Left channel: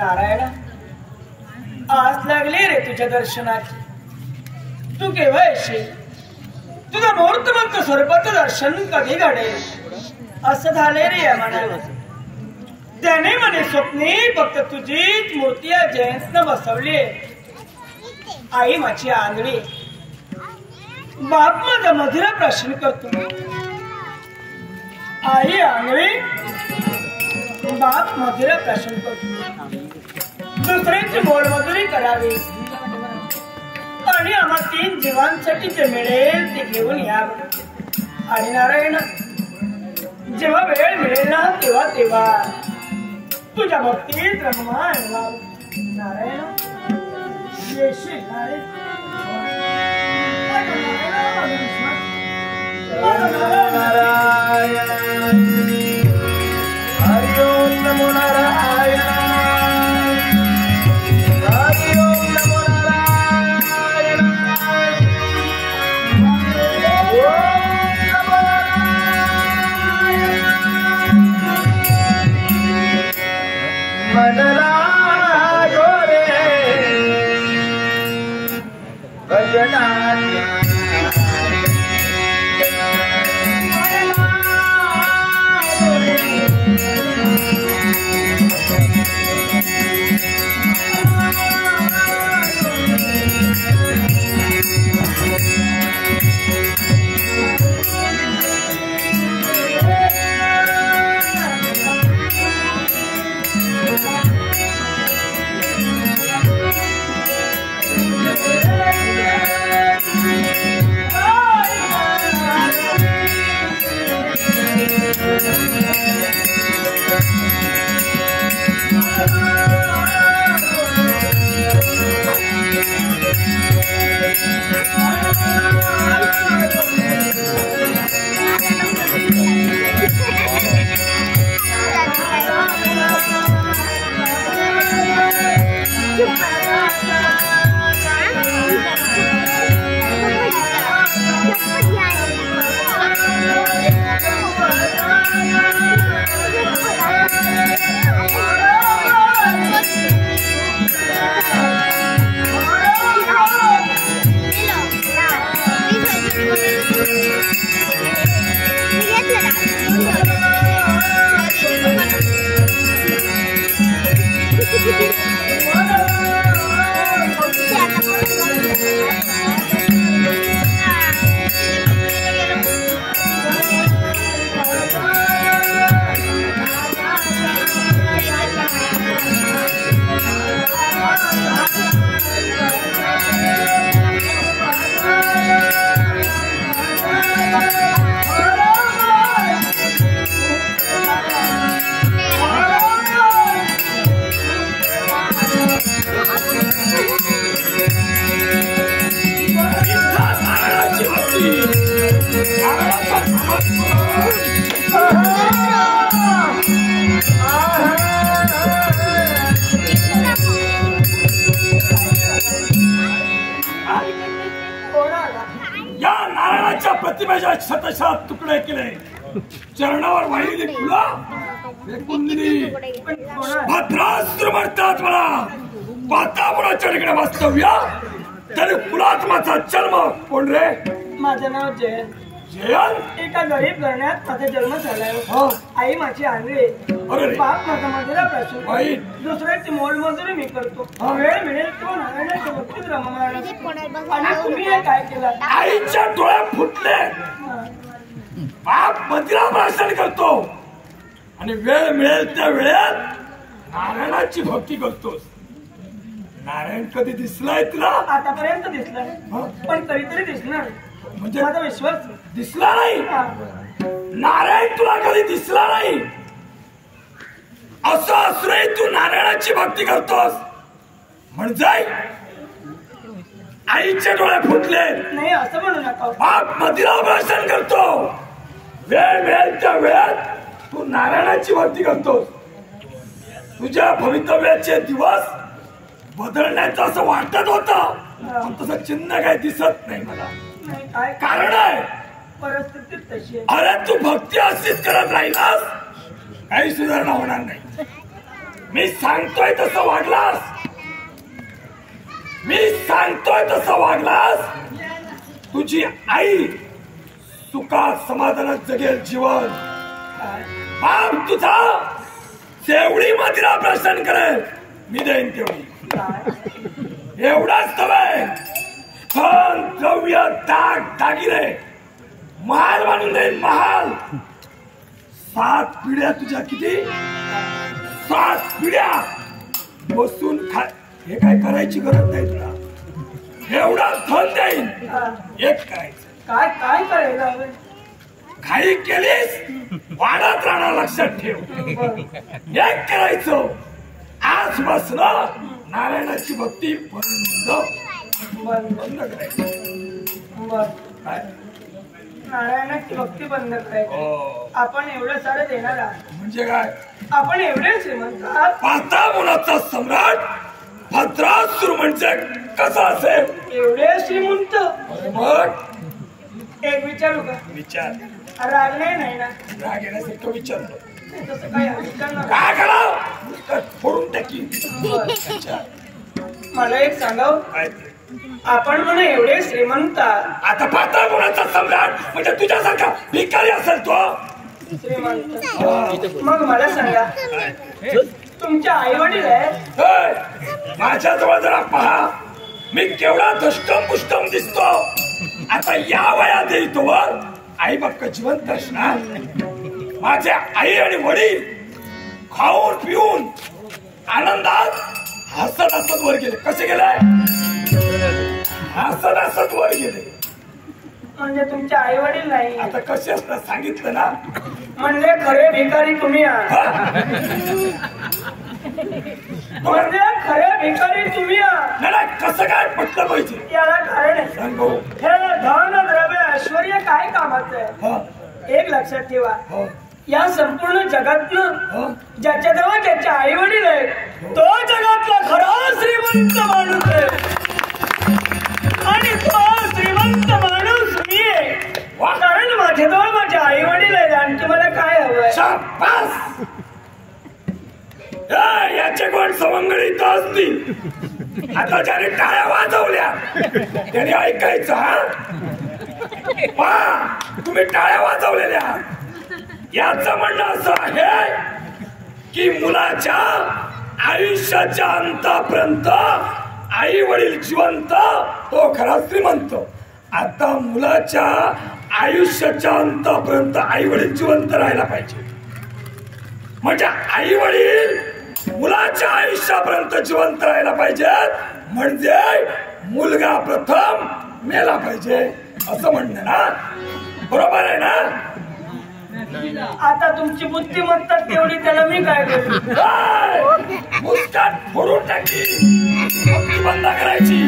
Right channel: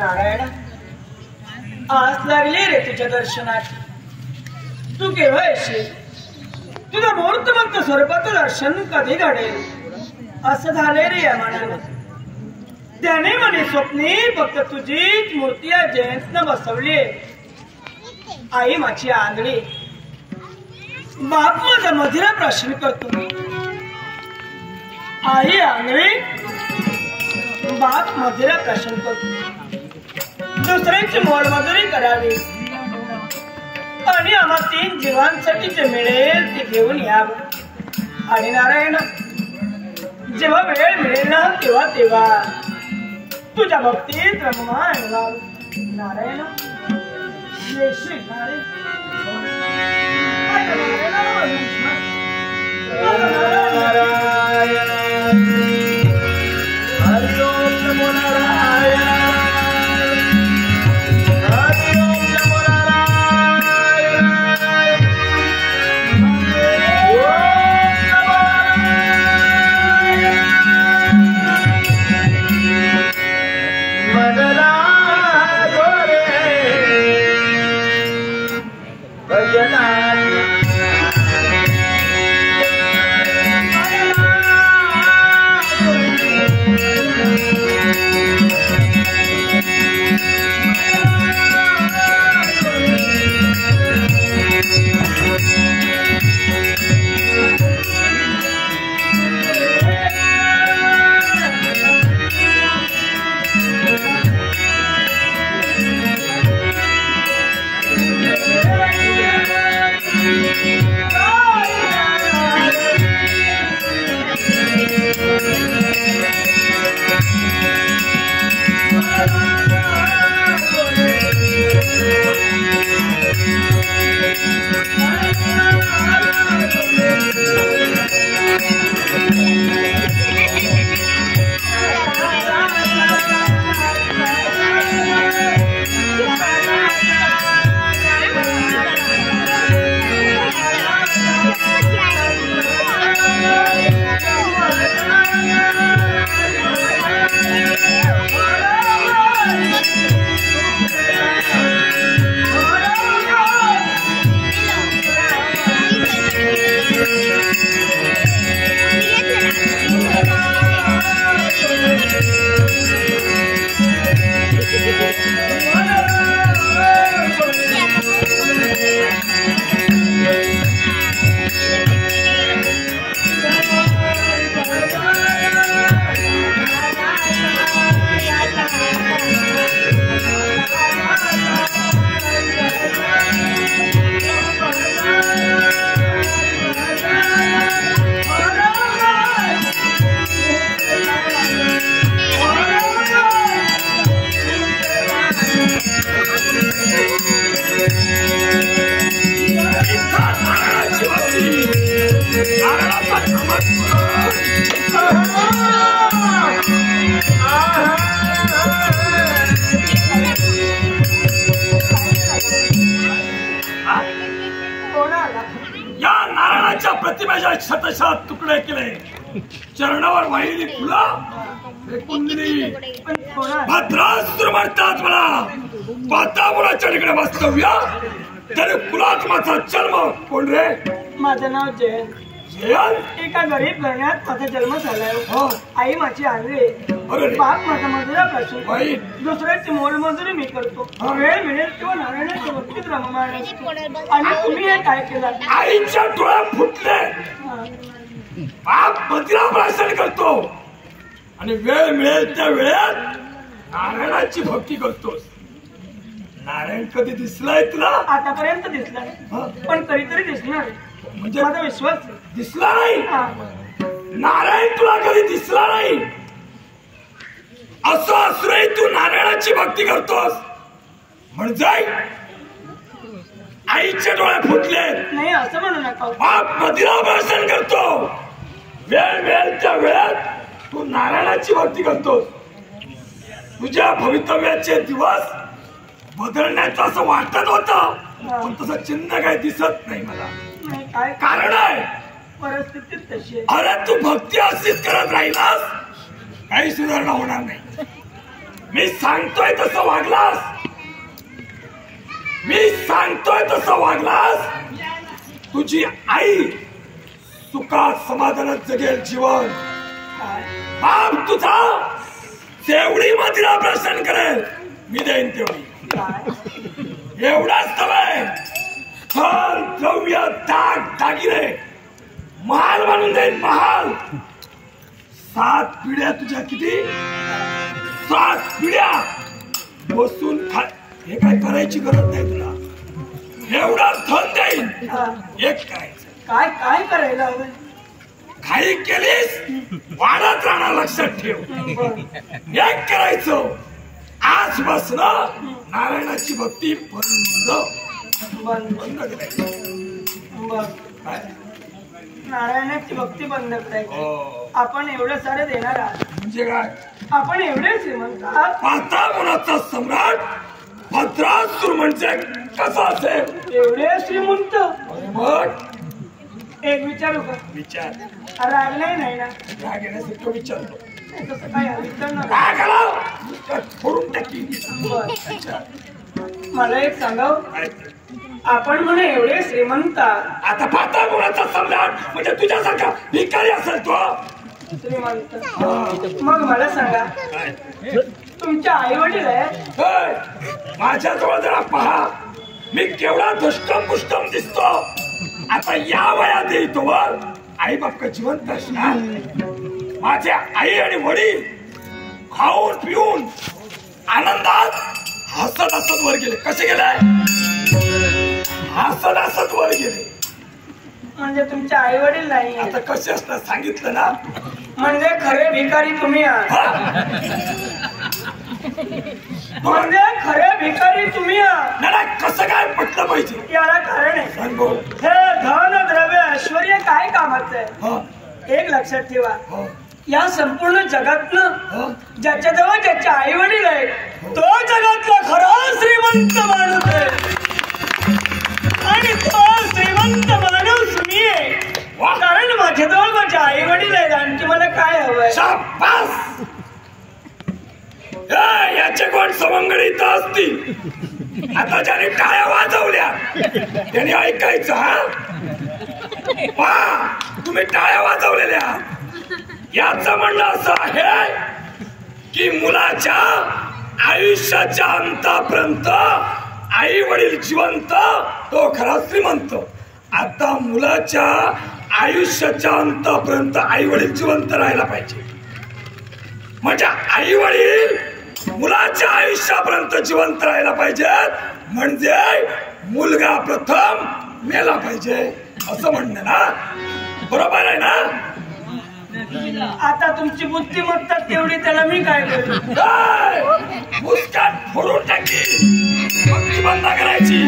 नारायण, आज लागली रे तुझ्या दर्शनात. तू केव्हा येशील? तुझं मूर्तिमंत स्वरूपाचं दर्शन कधी घडेल असं झाले रे या मनाला. त्याने म्हणे स्वप्नी फक्त तुझीच मूर्ती या जयंतनं बसवली. आई माझी आंधळी, बाप माझा मधुरा प्रश्न करतो. आई आंधळी, बाप मधुरा प्रश्न करतो. दुसऱ्याची मोलमजुरी करावी आणि आम्हा 3 जीवांसाठी जे मिळेल ते घेऊन यावं. आणि नारायण, जेव्हा वेळ मिळेल ना तेव्हा तेव्हा तुझ्या भक्तीत रममाण व्हावं. नारायण, येशील नारायण. प्रतिमेच्या शतशः तुकडे केले, चरणावर वाहिली फुलं फेकून दिली. भद्रासुर म्हणतात मला, वातावरणाच्या ठिकाणी वास्तव्य तरी कुलात माझा जन्म. कोण रे? माझं नाव जयंत. जयंत? एका गरीब घराण्यात माझा जन्म झालाय. आई माझी आंधळी, बाप माझा मजुरा प्रश्न. दुसऱ्याची मोलमजुरी मी करतो. वेळ मिळेल किंवा नारायणाच्या भक्तीत रममाण असतो. आणि तुम्ही हे काय केलं? आईच्या डोळ्या फुटले, बाप मजुरा प्रश्न करतो आणि वेळ मिळेल त्या वेळेत नारायणाची भक्ती करतोस. नारायण कधी दिसलाय तुला? आतापर्यंत दिसला नाही, पण कधीतरी दिसणार म्हणजे माझा विश्वास. दिसला नाही? नारायण तुला कधी दिसला नाही असं असूनही तू नारायणाची भक्ती करतोस म्हणजे आईचे डोळे फुटले. नाही असं म्हणू नका. बाप मदिरा भाषण करतो, वेळ मिळेल त्या वेळात तू नारायणाची भक्ती करतोस. तुझ्या भवितव्याचे दिवस बदलण्याचं असं वाटत होतं, पण तसं चिन्ह काही दिसत नाही मला. काय कारण आहे? परिस्थिती तशी आहे. अरे तू भक्ती अशीच करत राहिलास काही सुधारणा होणार नाही. मी सांगतोय तसं वागलास, मी सांगतोय तसं वागलास, तुझी आई सुखात समाधानात जगेल जीवन. बाप तुझा जेवढी मदिरा प्रश्न करेल मी देईन तेवढी. एवढाच नव्हे, धन द्रव्य दाग दागिने महाल बांधून देईन, महाल. 7 पिढ्या तुझ्या, किती 7 पिढ्या बसून खा. हे काय करायची गरज नाही तुला. एवढा धन देईन. एक करायचं, काय काय करायला हवं? काही केलीस वाढत राहणार, लक्षात ठेव. एक करायचं, आजपासून नारायणाची भक्ती बंद करायची. काय नारायणाची भक्ती बंद करायची. आपण एवढं सारं देणार आहात म्हणजे काय? आपण एवढे श्रीमंत आहात. पाता मुलाचा सम्राट भद्रासूर म्हणजे कसा असेल? एवढे श्रीमंत. मग एक विचारू का? विचार. राग नाही ना? राग येण्यासारखं विचारलो. नाही तसं काय विचार ना. काय करा फोडून टाकी. मला एक सांगाव, काय आपण म्हणा एवढे श्रीमंत आहात. आता पाता मुलाचा सम्राट म्हणजे तुझ्यासारखा भिकारी असेल तो श्रीमंत. मग मला सांगा, तुमच्या आई वडील आहेत? माझ्या जवळ जरा पहा, मी केवढा दुष्टम पुष्टम दिसतो. आता या वयात येतो वर आई बाप जिवंत असणार. माझे आई आणि वडील खाऊन पिऊन आनंदात हसत हसत वर गेले. कसे गेले? हसत हसत वर गेले. म्हणजे तुमचे आई वडील नाही? आता कसे असणार सांगितलं ना. म्हणजे खरे भिकारी तुम्ही आहात. म्हणजे खरे भिकारी तुम्ही आहात. नाही कसं काय पटलं पाहिजे? याला कारण आहे. सांग भाऊ. हे धन द्रव्य ऐश्वर काय कामाचं आहे? एक लक्षात ठेवा, या संपूर्ण जगातनं ज्याच्याजवळ ज्याचे आई वडील आहेत तो जगातला खरा श्रीमंत माणूस आहे. आणि तो श्रीमंत माणूस मी आहे. कारण माझ्याजवळ माझे आई वडील आहेत. आणखी मला काय हवंय? शाबास. याचे कोण सवंगडीत असतील. आता ज्याने टाळ्या वाजवल्या त्याने ऐकायचं. हा तुम्ही टाळ्या वाजवलेल्या, याचं म्हणणं असं आहे की मुलाच्या आयुष्याच्या अंतापर्यंत आई वडील जिवंत तो खरा श्रीमंत. आता मुलाच्या आयुष्याच्या अंतापर्यंत आई वडील जिवंत राहायला पाहिजे. म्हणजे आई वडील मुलाच्या आयुष्यापर्यंत जिवंत राहायला पाहिजेत. म्हणजे मुलगा प्रथम मेला पाहिजे असं म्हणणं ना. बरोबर आहे ना? आता तुमची बुद्धिमत्ता तेवढी, त्याला मी काय करू? मुस्कान फोडून टाकी. भक्ती बंद करायची.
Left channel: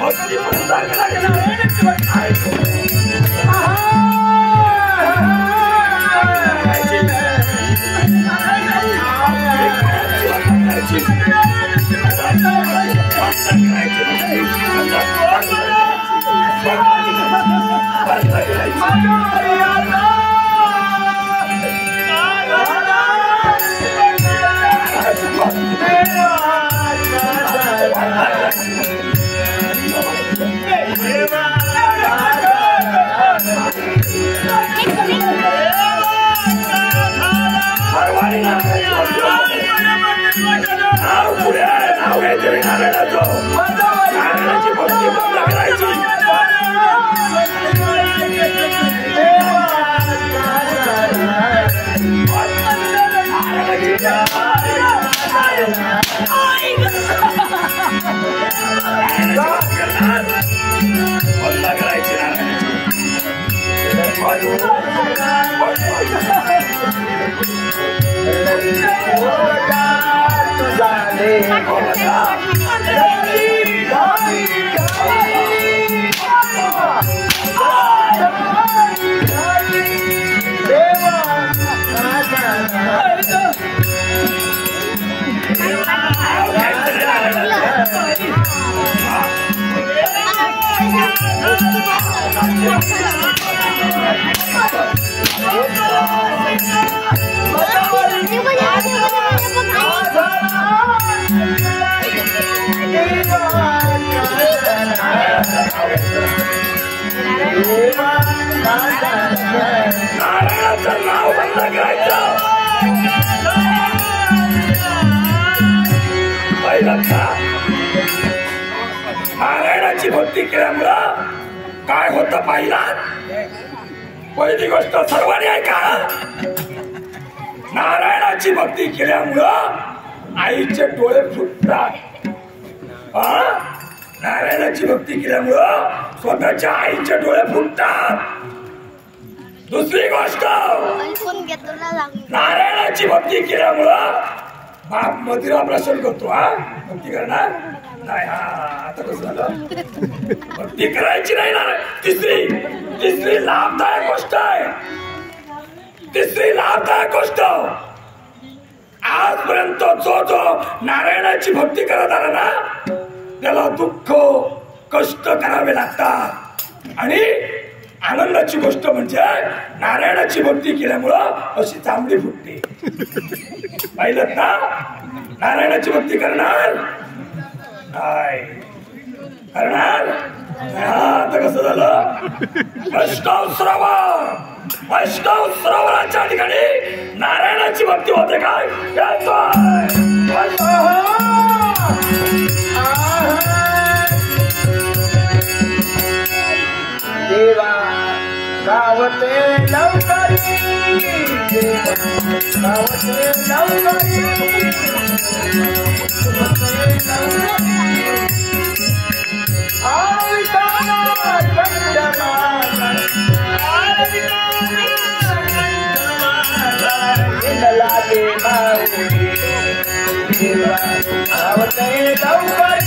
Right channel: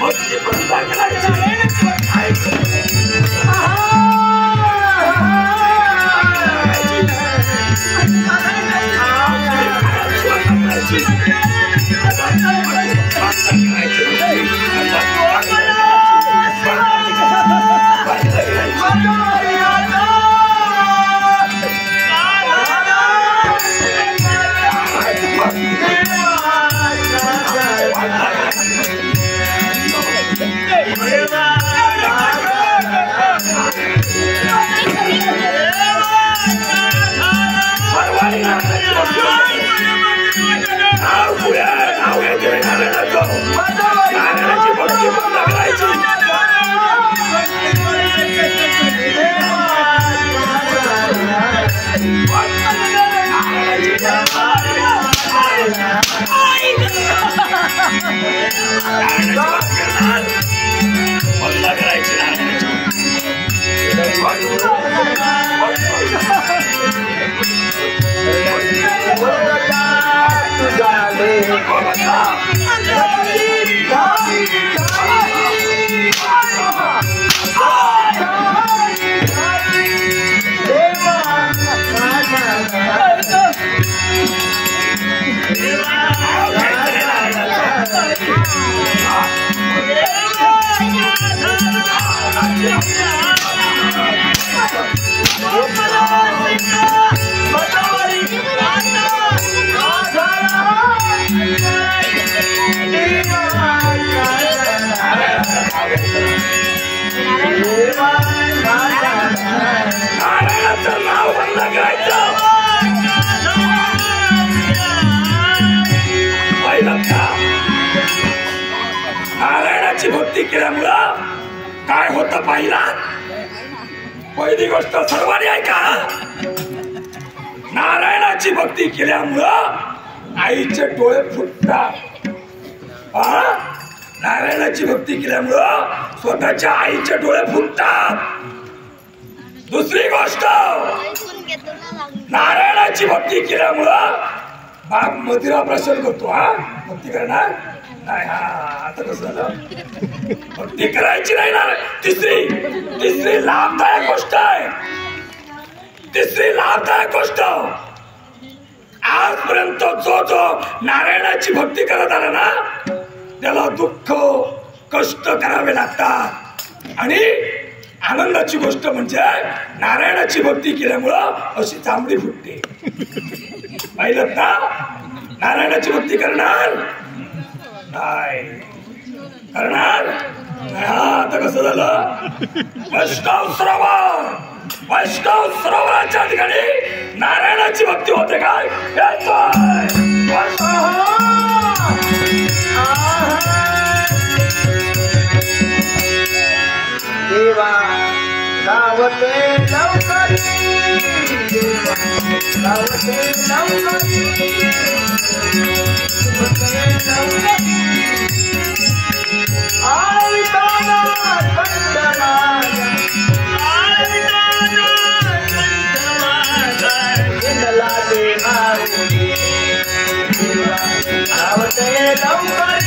भक्ती बंद करायची. नारायणाची भक्ती बंद करायची. बंद करायची नारायणाची. Oh, काय करायचं पाहिलं का नारायणाची भक्ती केल्यामुळं काय होतं पाहिला पहिली गोष्ट सर्वांनी ऐका नारायणाची भक्ती केल्यामुळं आईचे डोळे फुटतात नारायणाची भक्ती केल्यामुळं स्वतःच्या आईचे डोळे फुटतात दुसरी गोष्ट नारायणाची भक्ती केल्यामुळं बाप मदिरा प्रसन्न करतो भक्ती करणार नाही आता कसं झालं भक्ती करायची नाही ना तिसरी लाभदायक गोष्ट आहे तिसरी लाभदायक गोष्ट आजपर्यंत जो नारायणाची भक्ती करत आला ना त्याला दुःख कष्ट करावे लागतात आणि आनंदाची गोष्ट म्हणजे नारायणाची भक्ती केल्यामुळं अशी चांबडी फुटते पाहिलं ना नारायणाची भक्ती करणार नाही करणार आता कसं झालं वैष्णव सरोवराच्या ठिकाणी नारायणाची भक्ती होते काय देवा गावते लवकरी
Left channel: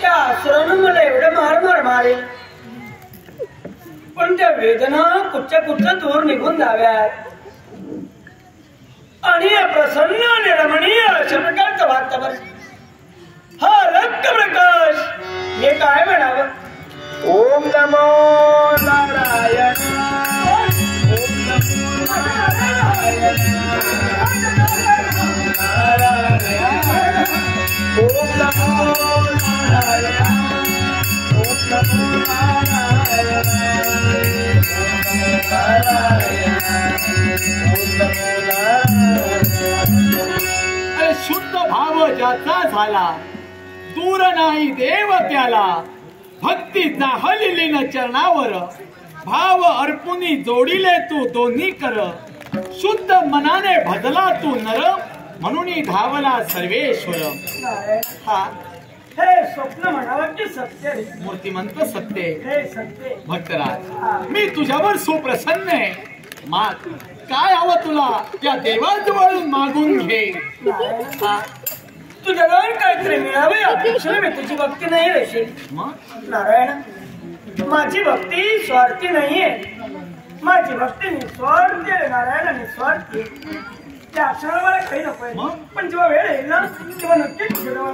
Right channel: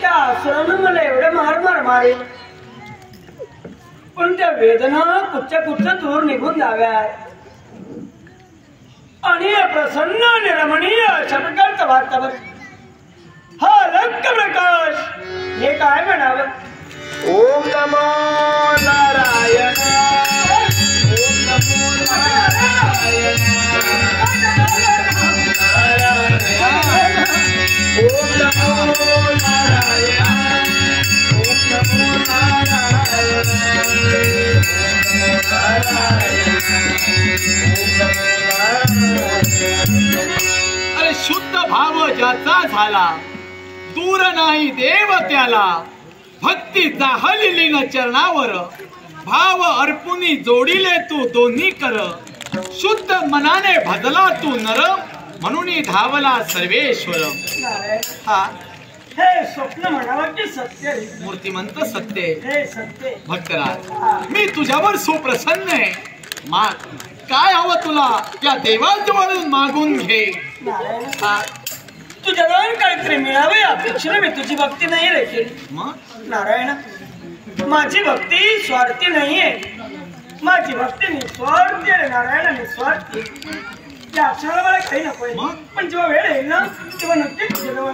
त्या आसरानं मला एवढं मार मारेल पण त्या वेदना कुच्च्या दूर निघून जाव्यात आणि या प्रसन्न आणि रमणीय अशा प्रकारचं वातावरण हा अलग प्रकाश हे काय म्हणावं ओम नमो नारायण अरे शुद्ध भाव ज्याचा झाला दूर नाही देव त्याला भक्तीचा हलिलीन चरणावर भाव अर्पुनी जोडिले तू दोन्ही कर शुद्ध मनाने भजला तू नर म्हणून धावला सर्वेश्वर हा हे स्वप्न म्हणावं की सत्य मूर्तिमंत सत्य हे सत्य भक्तराज मी तुझ्यावर सुप्रसन्न आहे माग काय हवं तुला या देवाजवळून मागून घे हा तुझ्या जाऊन काहीतरी मिळावे अपेक्षा मी तुझी भक्ती नाही रे मग नारायण माझी भक्ती स्वार्थी नाहीये माझी भक्ती निस्वार्थी आहे नारायण निस्वार्थी या अक्षराला मला काही नकोय पण जेव्हा वेळ येईल ना तेव्हा नक्कीच तुझ्या जवळ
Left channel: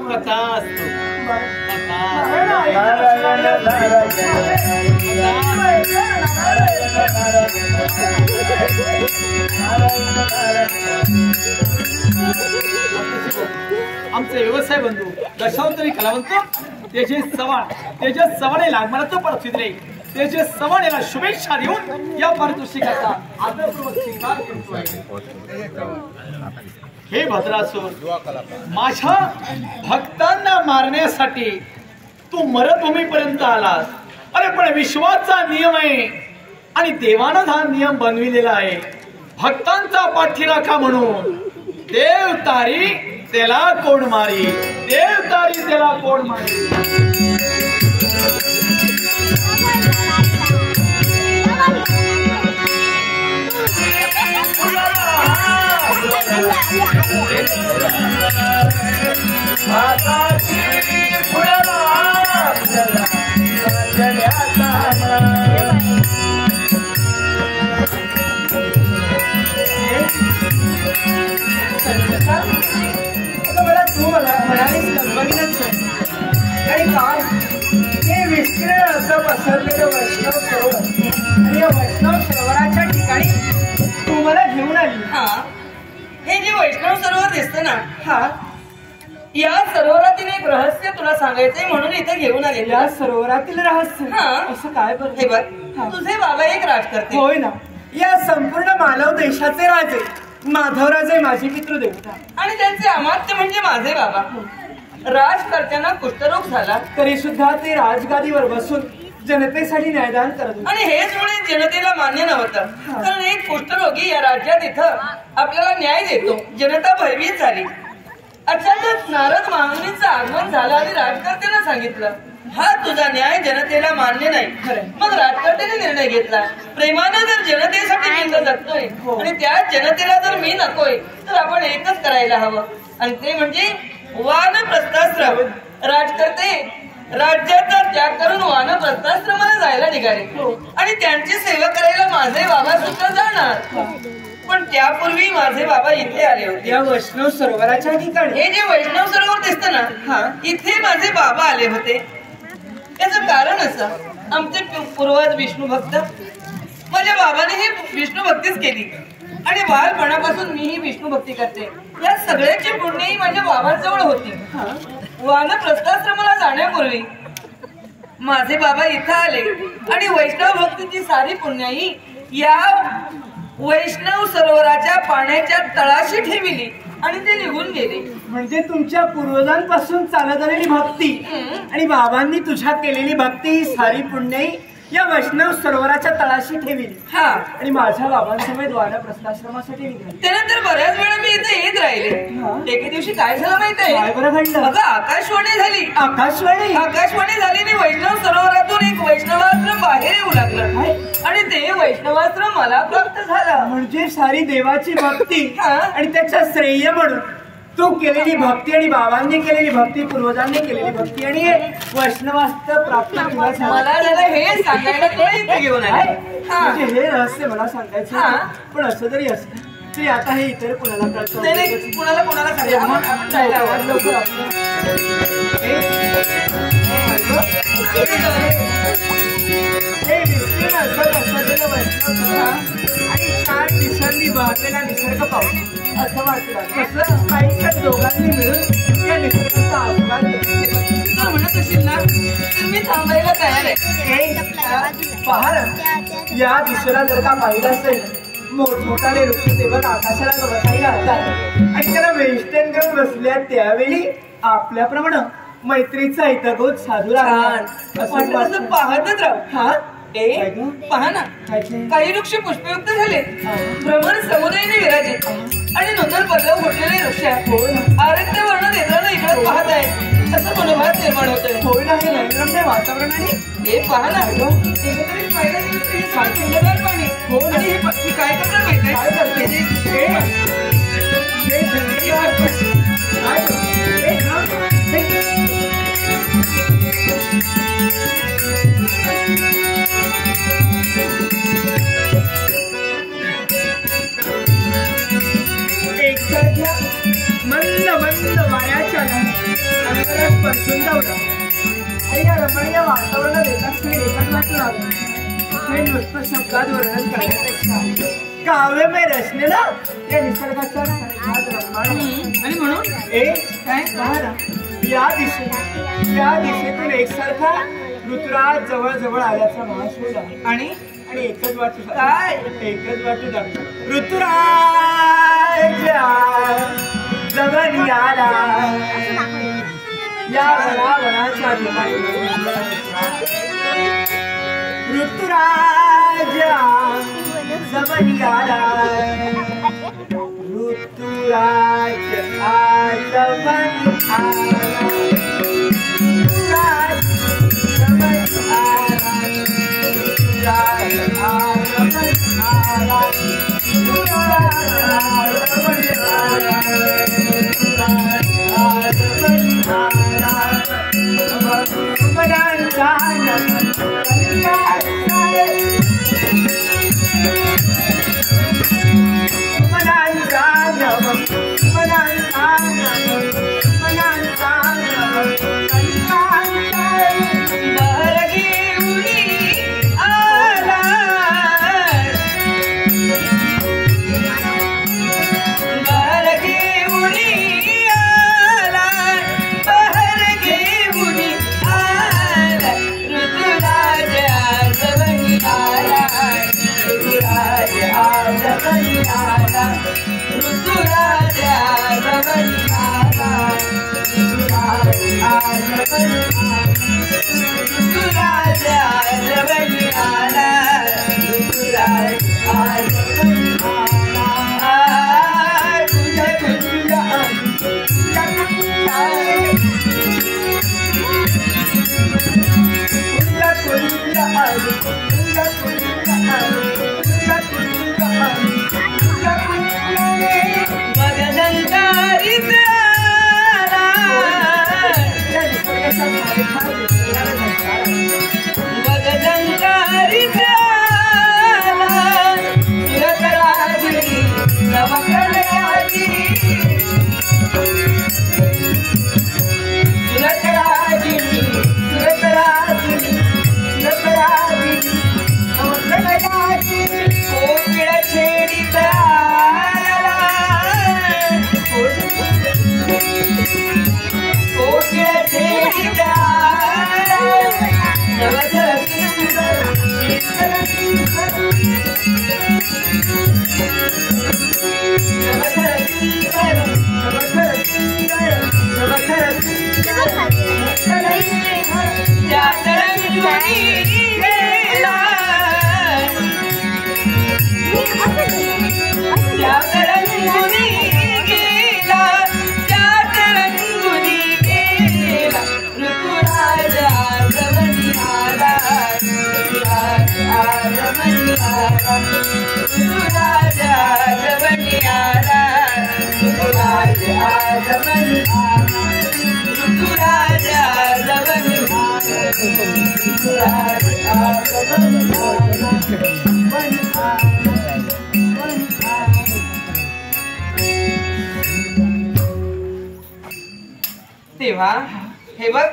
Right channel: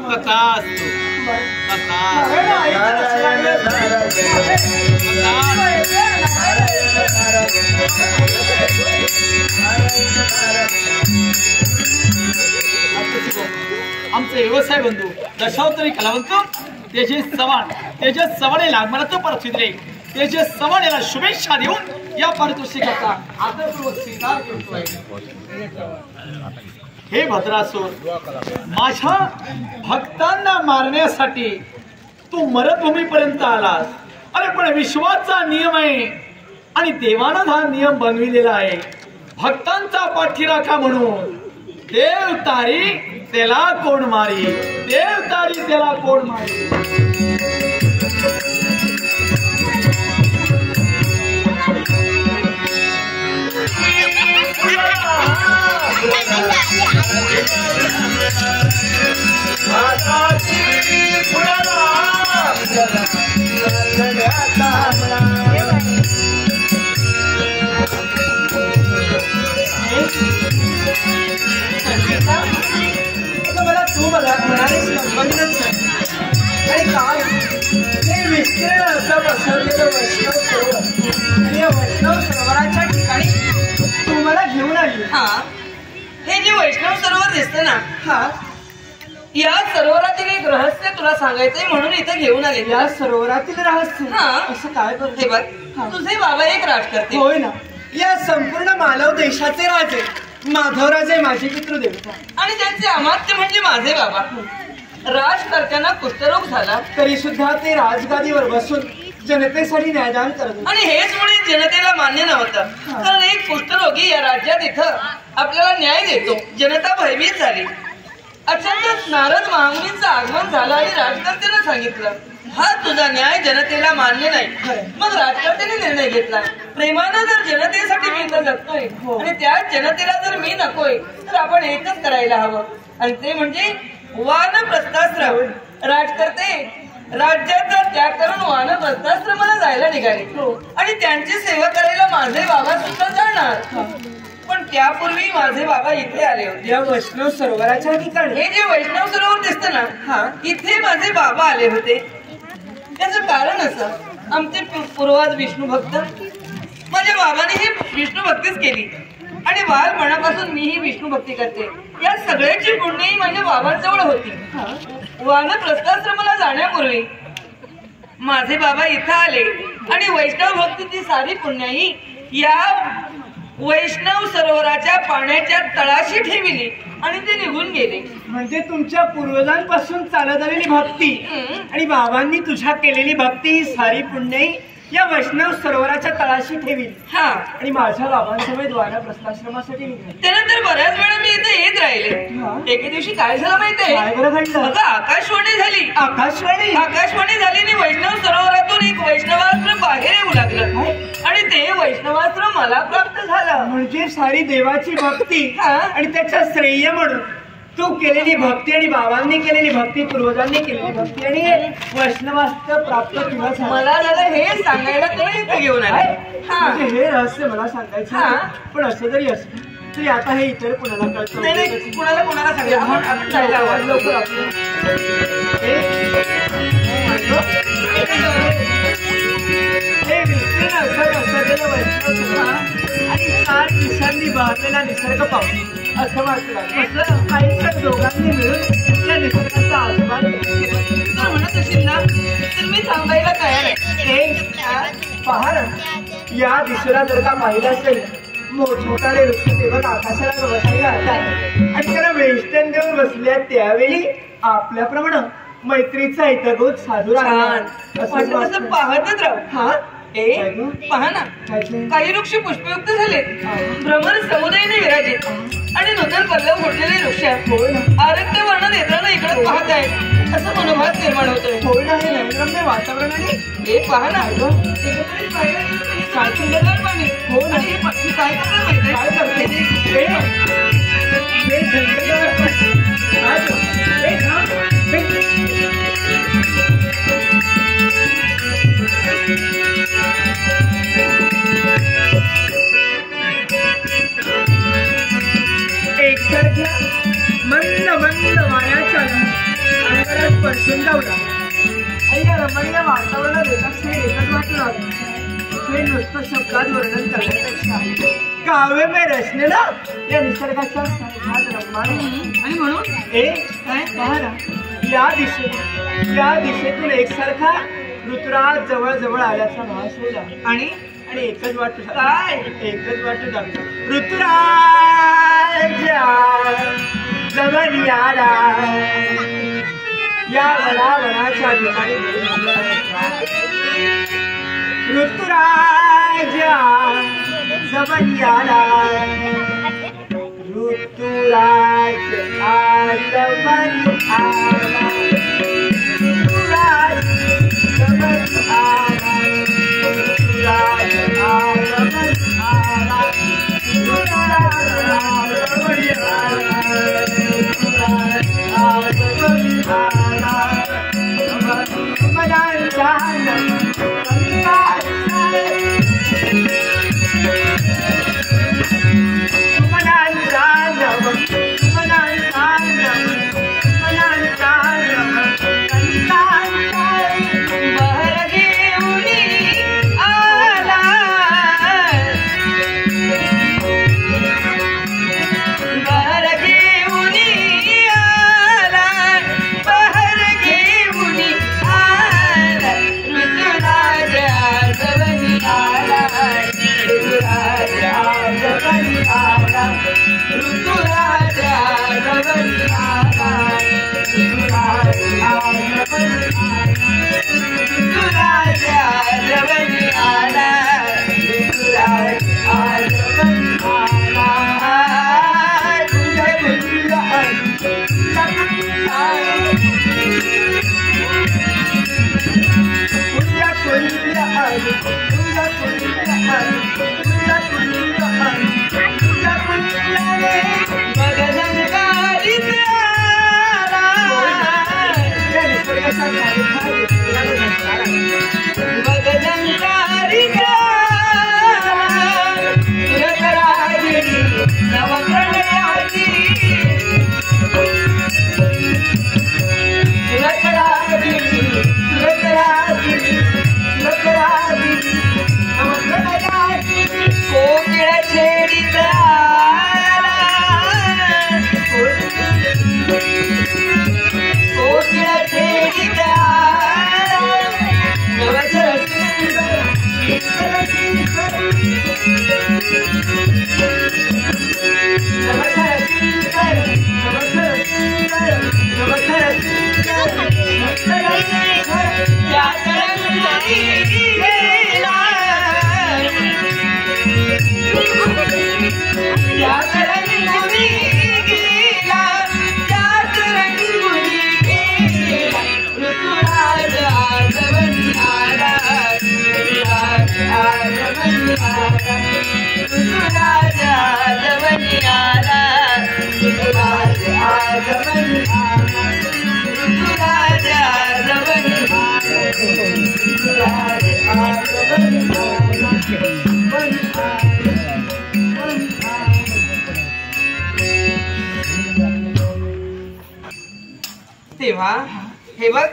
आमचे व्यवसाय बंधू दशावतारी कलावंत तेजस चव्हाण याला मला तो परतविले तेजस चव्हाण याला शुभेच्छा देऊन या पारितोषिकाचा आदरपूर्वक स्वीकार करतोय हे भद्रासूर माझ्या भक्तांना मारण्यासाठी तू मरतभूमीपर्यंत आलास अरे पण विश्वाचा नियम आहे आणि देवानं हा नियम बनविलेला आहे भक्तांचा पाठीराखा म्हणून देव तारी त्याला कोण मारी, देव तारी त्याला कोण मारी. मला तू म्हणालीस लग्नच आणि काय हे विस्तीर्ण असं पसरलेलं वैष्णव सरोवर आणि या वैष्णव सरोवराच्या ठिकाणी तू मला घेऊन आली. हा, हे जे वैष्णव सरोवर दिसतं ना, हा, या सरोवरातील एक रहस्य तुला सांगायचंय म्हणून इथं घेऊन आले. या सरोवरातील रहस्य हा. असं काय बरं? हे बघ, हा. तुझे बाबा एक राजकर्ते. होय ना, या संपूर्ण मालव देशाचे राजे माधवराजे माझे पितृदेवता आणि त्यांचे अमात्य म्हणजे माझे बाबा. राजकर्त्यांना कुष्ठरोग झाला तरी सुद्धा ते राजगादीवर बसून जनतेसाठी न्यायदान करत होते. आणि हेच मुळे जनतेला मान्य नव्हतं. कारण एक कुष्ठरोगी या राज्यात इथं आपल्याला न्याय देतो. जनता भयभीत झाली. अचानक नारद महामुनींचं आगमन झालं आणि राजकर्त्यांना सांगितलं, हा तुझा न्याय जनतेला मान्य नाही. मग राजकर्त्याने निर्णय घेतला, प्रेमानं जर जनतेसाठी मी जगतोय आणि त्याच जनतेला जर मी नकोय तर आपण एकच करायला हवं, आणि ते म्हणजे वानप्रस्थाश्रम. राजकर्ते राज्याचा त्याग करून वानप्रस्थाश्रमाला जायला निघाले आणि त्यांची सेवा करायला माझे बाबा सुद्धा जाणार. पण त्यापूर्वी माझे बाबा इथे आले होते, या वैष्णव सरोवराच्या ठिकाणी. हे जे वैष्णव सरोवर दिसतं ना, हा, इथे माझे बाबा आले होते. त्याचं कारण असं, आमचे पूर्वज विष्णू भक्त, माझ्या बाबाने ही विष्णू भक्तीच केली आणि बालपणापासून मीही विष्णू भक्ती करते. या सगळ्याची पुण्यही माझ्या बाबांजवळ होती. वानप्रस्थाश्रमाला जाण्यापूर्वी माझे बाबा इथं आले आणि वैष्णव भक्तीची सारी पुण्याई या वैष्णव सरोवराच्या पाण्याच्या तळाशी ठेविली आणि ते निघून गेले. म्हणजे तुमच्या पूर्वजांपासून चालत आलेली भक्ती आणि बाबांनी तुझ्या केलेली भक्ती ही सारी पुण्याई या वैष्णव सरोवराच्या तळाशी ठेवली. हा, आणि माझ्या बाबांसमोर वानप्रस्थाश्रमासाठी निघाली. त्यानंतर बऱ्याच वेळा मी इथे येत राहिले. एके दिवशी काय झालं माहितीये? काय बरं घडलं? माझं आकाशवाणी झाली. आकाशवाणी झाली आणि वैष्णव सरोवरातून एक वैष्णवास्त्र बाहेर येऊ लागलं आणि ते वैष्णवास्त्र मला प्राप्त झालं. म्हणजे सारी देवाची भक्ती आणि त्याच्या श्रेय म्हणून तू केलेली भक्ती आणि बाबांनी केलेली भक्ती, पूर्वजांनी केलेली भक्ती आणि वैष्णवास्त्र प्राप्त तुला झालं. मला झालं हे सांगायला तुला इथे घेऊन आले. म्हणजे हे रहस्य मला सांगायचं होतं. पण असं जरी असलं तरी आता हे इतर कुणाला कळतं. कुणाला सांगा लवकर आपलं हे विष्णू असलेलं वैष्णव आणि 4 दिवसांनी बहरलेला निसर्ग पाहून असं वाटलं कसं काही दोघांनी मिळून या निसर्गाचा आस्वाद म्हणत असेल ना तर मी थांबायला तयार आहे. पहा, या दिशेला जर का पाहिलं असेल मोठमोठाले वृक्ष तेव्हा आकाशाला बसायला घालतात आणि त्याला वेष्टन देऊन बसल्या त्यावेळी आपल्याप्रमाणे मैत्रीचा हितगोज साधू राहणार असं पाहतच राहू. हा, पहा ना, काही वृक्ष पुष्पयुक्त झाले, भ्रमर समुदायाने विराजित आणि नूतन पल्लव फुटलेले वृक्ष आरक्त वर्ण नेत्रांना इकडे पाहत आहे असं मनोभाव निर्माण होतोय. होय ना, हे नैनरम्य वातावरणाने हे पहा ना, एकत्रित पाहिलं सुंदरगार पाणी. हो, आणि हे पक्षी काय करतात माहिती काय करते? एकसारख्या मंद मंद वाऱ्याच्या अंगाला स्पर्शून लावला आणि या रमणीय वातावरणात एकच वाटू लागलं. हे नुसतं शब्दात वर्णन करण्यापेक्षा काव्यमय रचलेलं या निसर्गाच्या साक्षात रम्मान. आणि म्हणून काय पहा, या दिशेतून एकसारखा ऋतुराज जवळ जवळ आल्याचा भास होता आणि एकच वाटू काय एकच वाटू लागलं. ऋतुराज जवळ आला या वनाच्या ठिकाणी. ऋतुराज जवळ आला ऋतुराज आगमन आला, ऋतुराज आगमन आला, ऋतुराज आगमन आला, ऋतुराज आगमन आला, ऋतुराज आगमन आला. मनांचा तेव्हा हे बघ,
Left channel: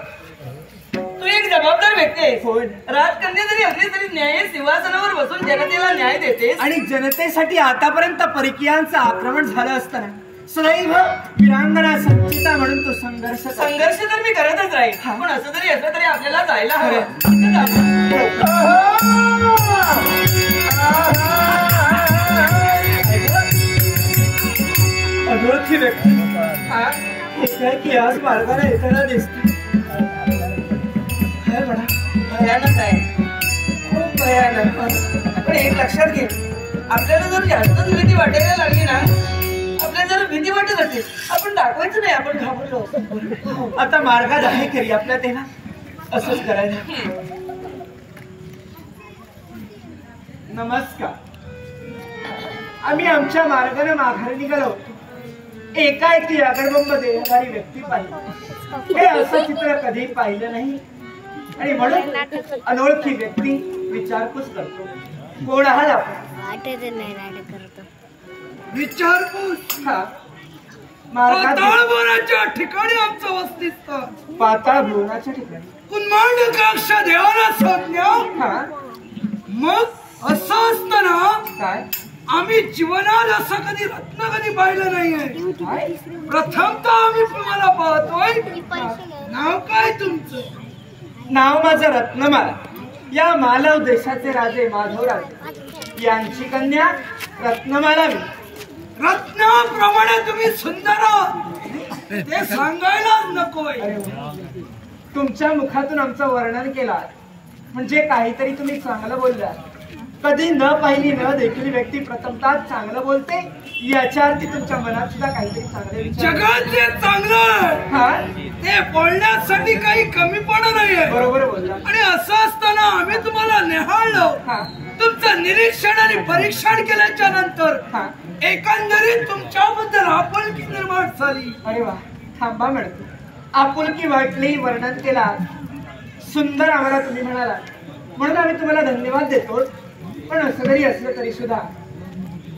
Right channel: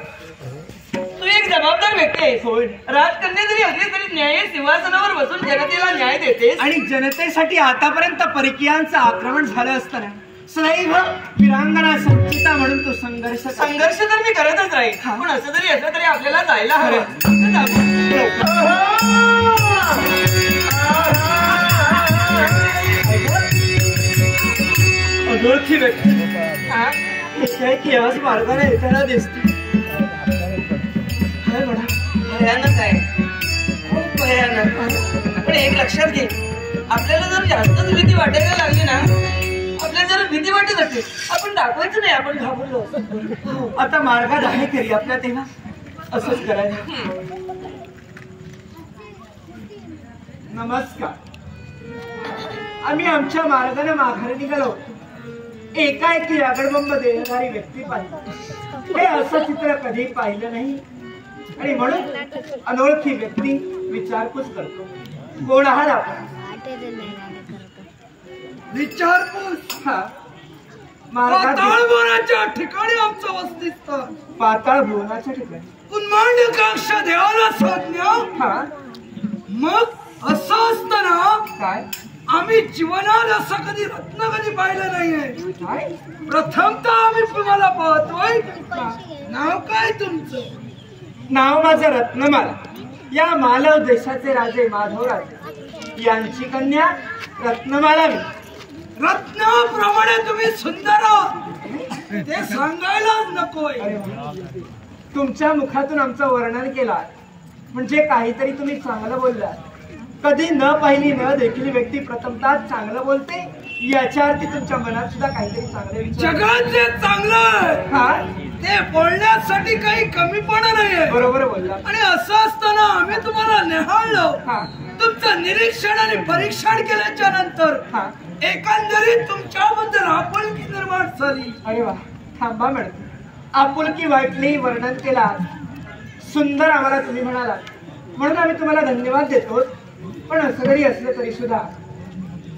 तू एक जबाबदार व्यक्ती आहेस. राजकन्या जरी असली तरी न्याय सिंहासनावर बसून जनतेला न्याय देतेस. आणि जनतेसाठी आतापर्यंत परकीयांचं आक्रमण झालं असताना सदैव वीरांगना संचिता म्हणून तो संघर्ष तर मी करतच राहील. पण असं जरी असलं तरी आपल्याला जायला हवं. अनोळखी व्यक्ती काय की आज मार्गाने येताना दिसते. भयानक आहे, खूप भयानक. पण एक लक्षात घे, आपल्याला जर जास्तच भीती वाटायला लागली ना, आपल्याला जर भीती वाटत असेल आपण दाखवायचं नाही आपण घाबरलो. आता मार्गात आहे खरी आपल्या, तेव्हा असंच करायचं. नमस्कार. आम्ही आमच्या मार्गाने माघारी निघालो. एकाएकी आगडबंब देणारी व्यक्ती पाहिली. हे असं चित्र कधी पाहिलं नाही. आणि म्हणून अनोळखी व्यक्ती विचारपूस करतो, कोण आहात आपण? विचारपूस. हा, मार्गात पाताळभुवनाच्या ठिकाणी आमचं वसतिस्थान. पाताळ भुवनाच्या ठिकाणी कुन्मांडकाक्ष देवाला संज्ञा. हा, मग असं असताना काय आम्ही जीवनात असं कधी रत्न कधी पाहिलं नाहीये. काय प्रथमतः आम्ही तुम्हाला पाहतोय. नाव काय तुमचं? नाव माझं रत्नमाला. या मालव देशाचे राजे माधवराजे यांची कन्या रत्नमाला मी. रत्नाप्रमाणे तुम्ही सुंदर आहात ते सांगायलाच नकोय. तुमच्या मुखातून आमचं वर्णन केलं म्हणजे काहीतरी तुम्ही चांगलं बोललात. कधी न पाहिली न देखील व्यक्ती प्रथमतः चांगलं बोलते, याच्या अर्थी तुमच्या मनात सुद्धा काहीतरी चांगले विचार. जगात जे चांगलं आहे हा ते बोलण्यासाठी काही कमीपणा नाहीये. बरोबर बोलला. आणि असं असताना आम्ही तुम्हाला निहाळलो, तुमचं निरीक्षण आणि परीक्षण केल्याच्या नंतर एकंदरीत तुमच्याबद्दल आपुलकी निर्माण झाली. अरे वा, थांबा मॅडम. आपुलकी वाटली, वर्णन केला, सुंदर आम्हाला तुम्ही म्हणाला, म्हणून आम्ही तुम्हाला धन्यवाद देतो. पण असं जरी असलं तरी सुद्धा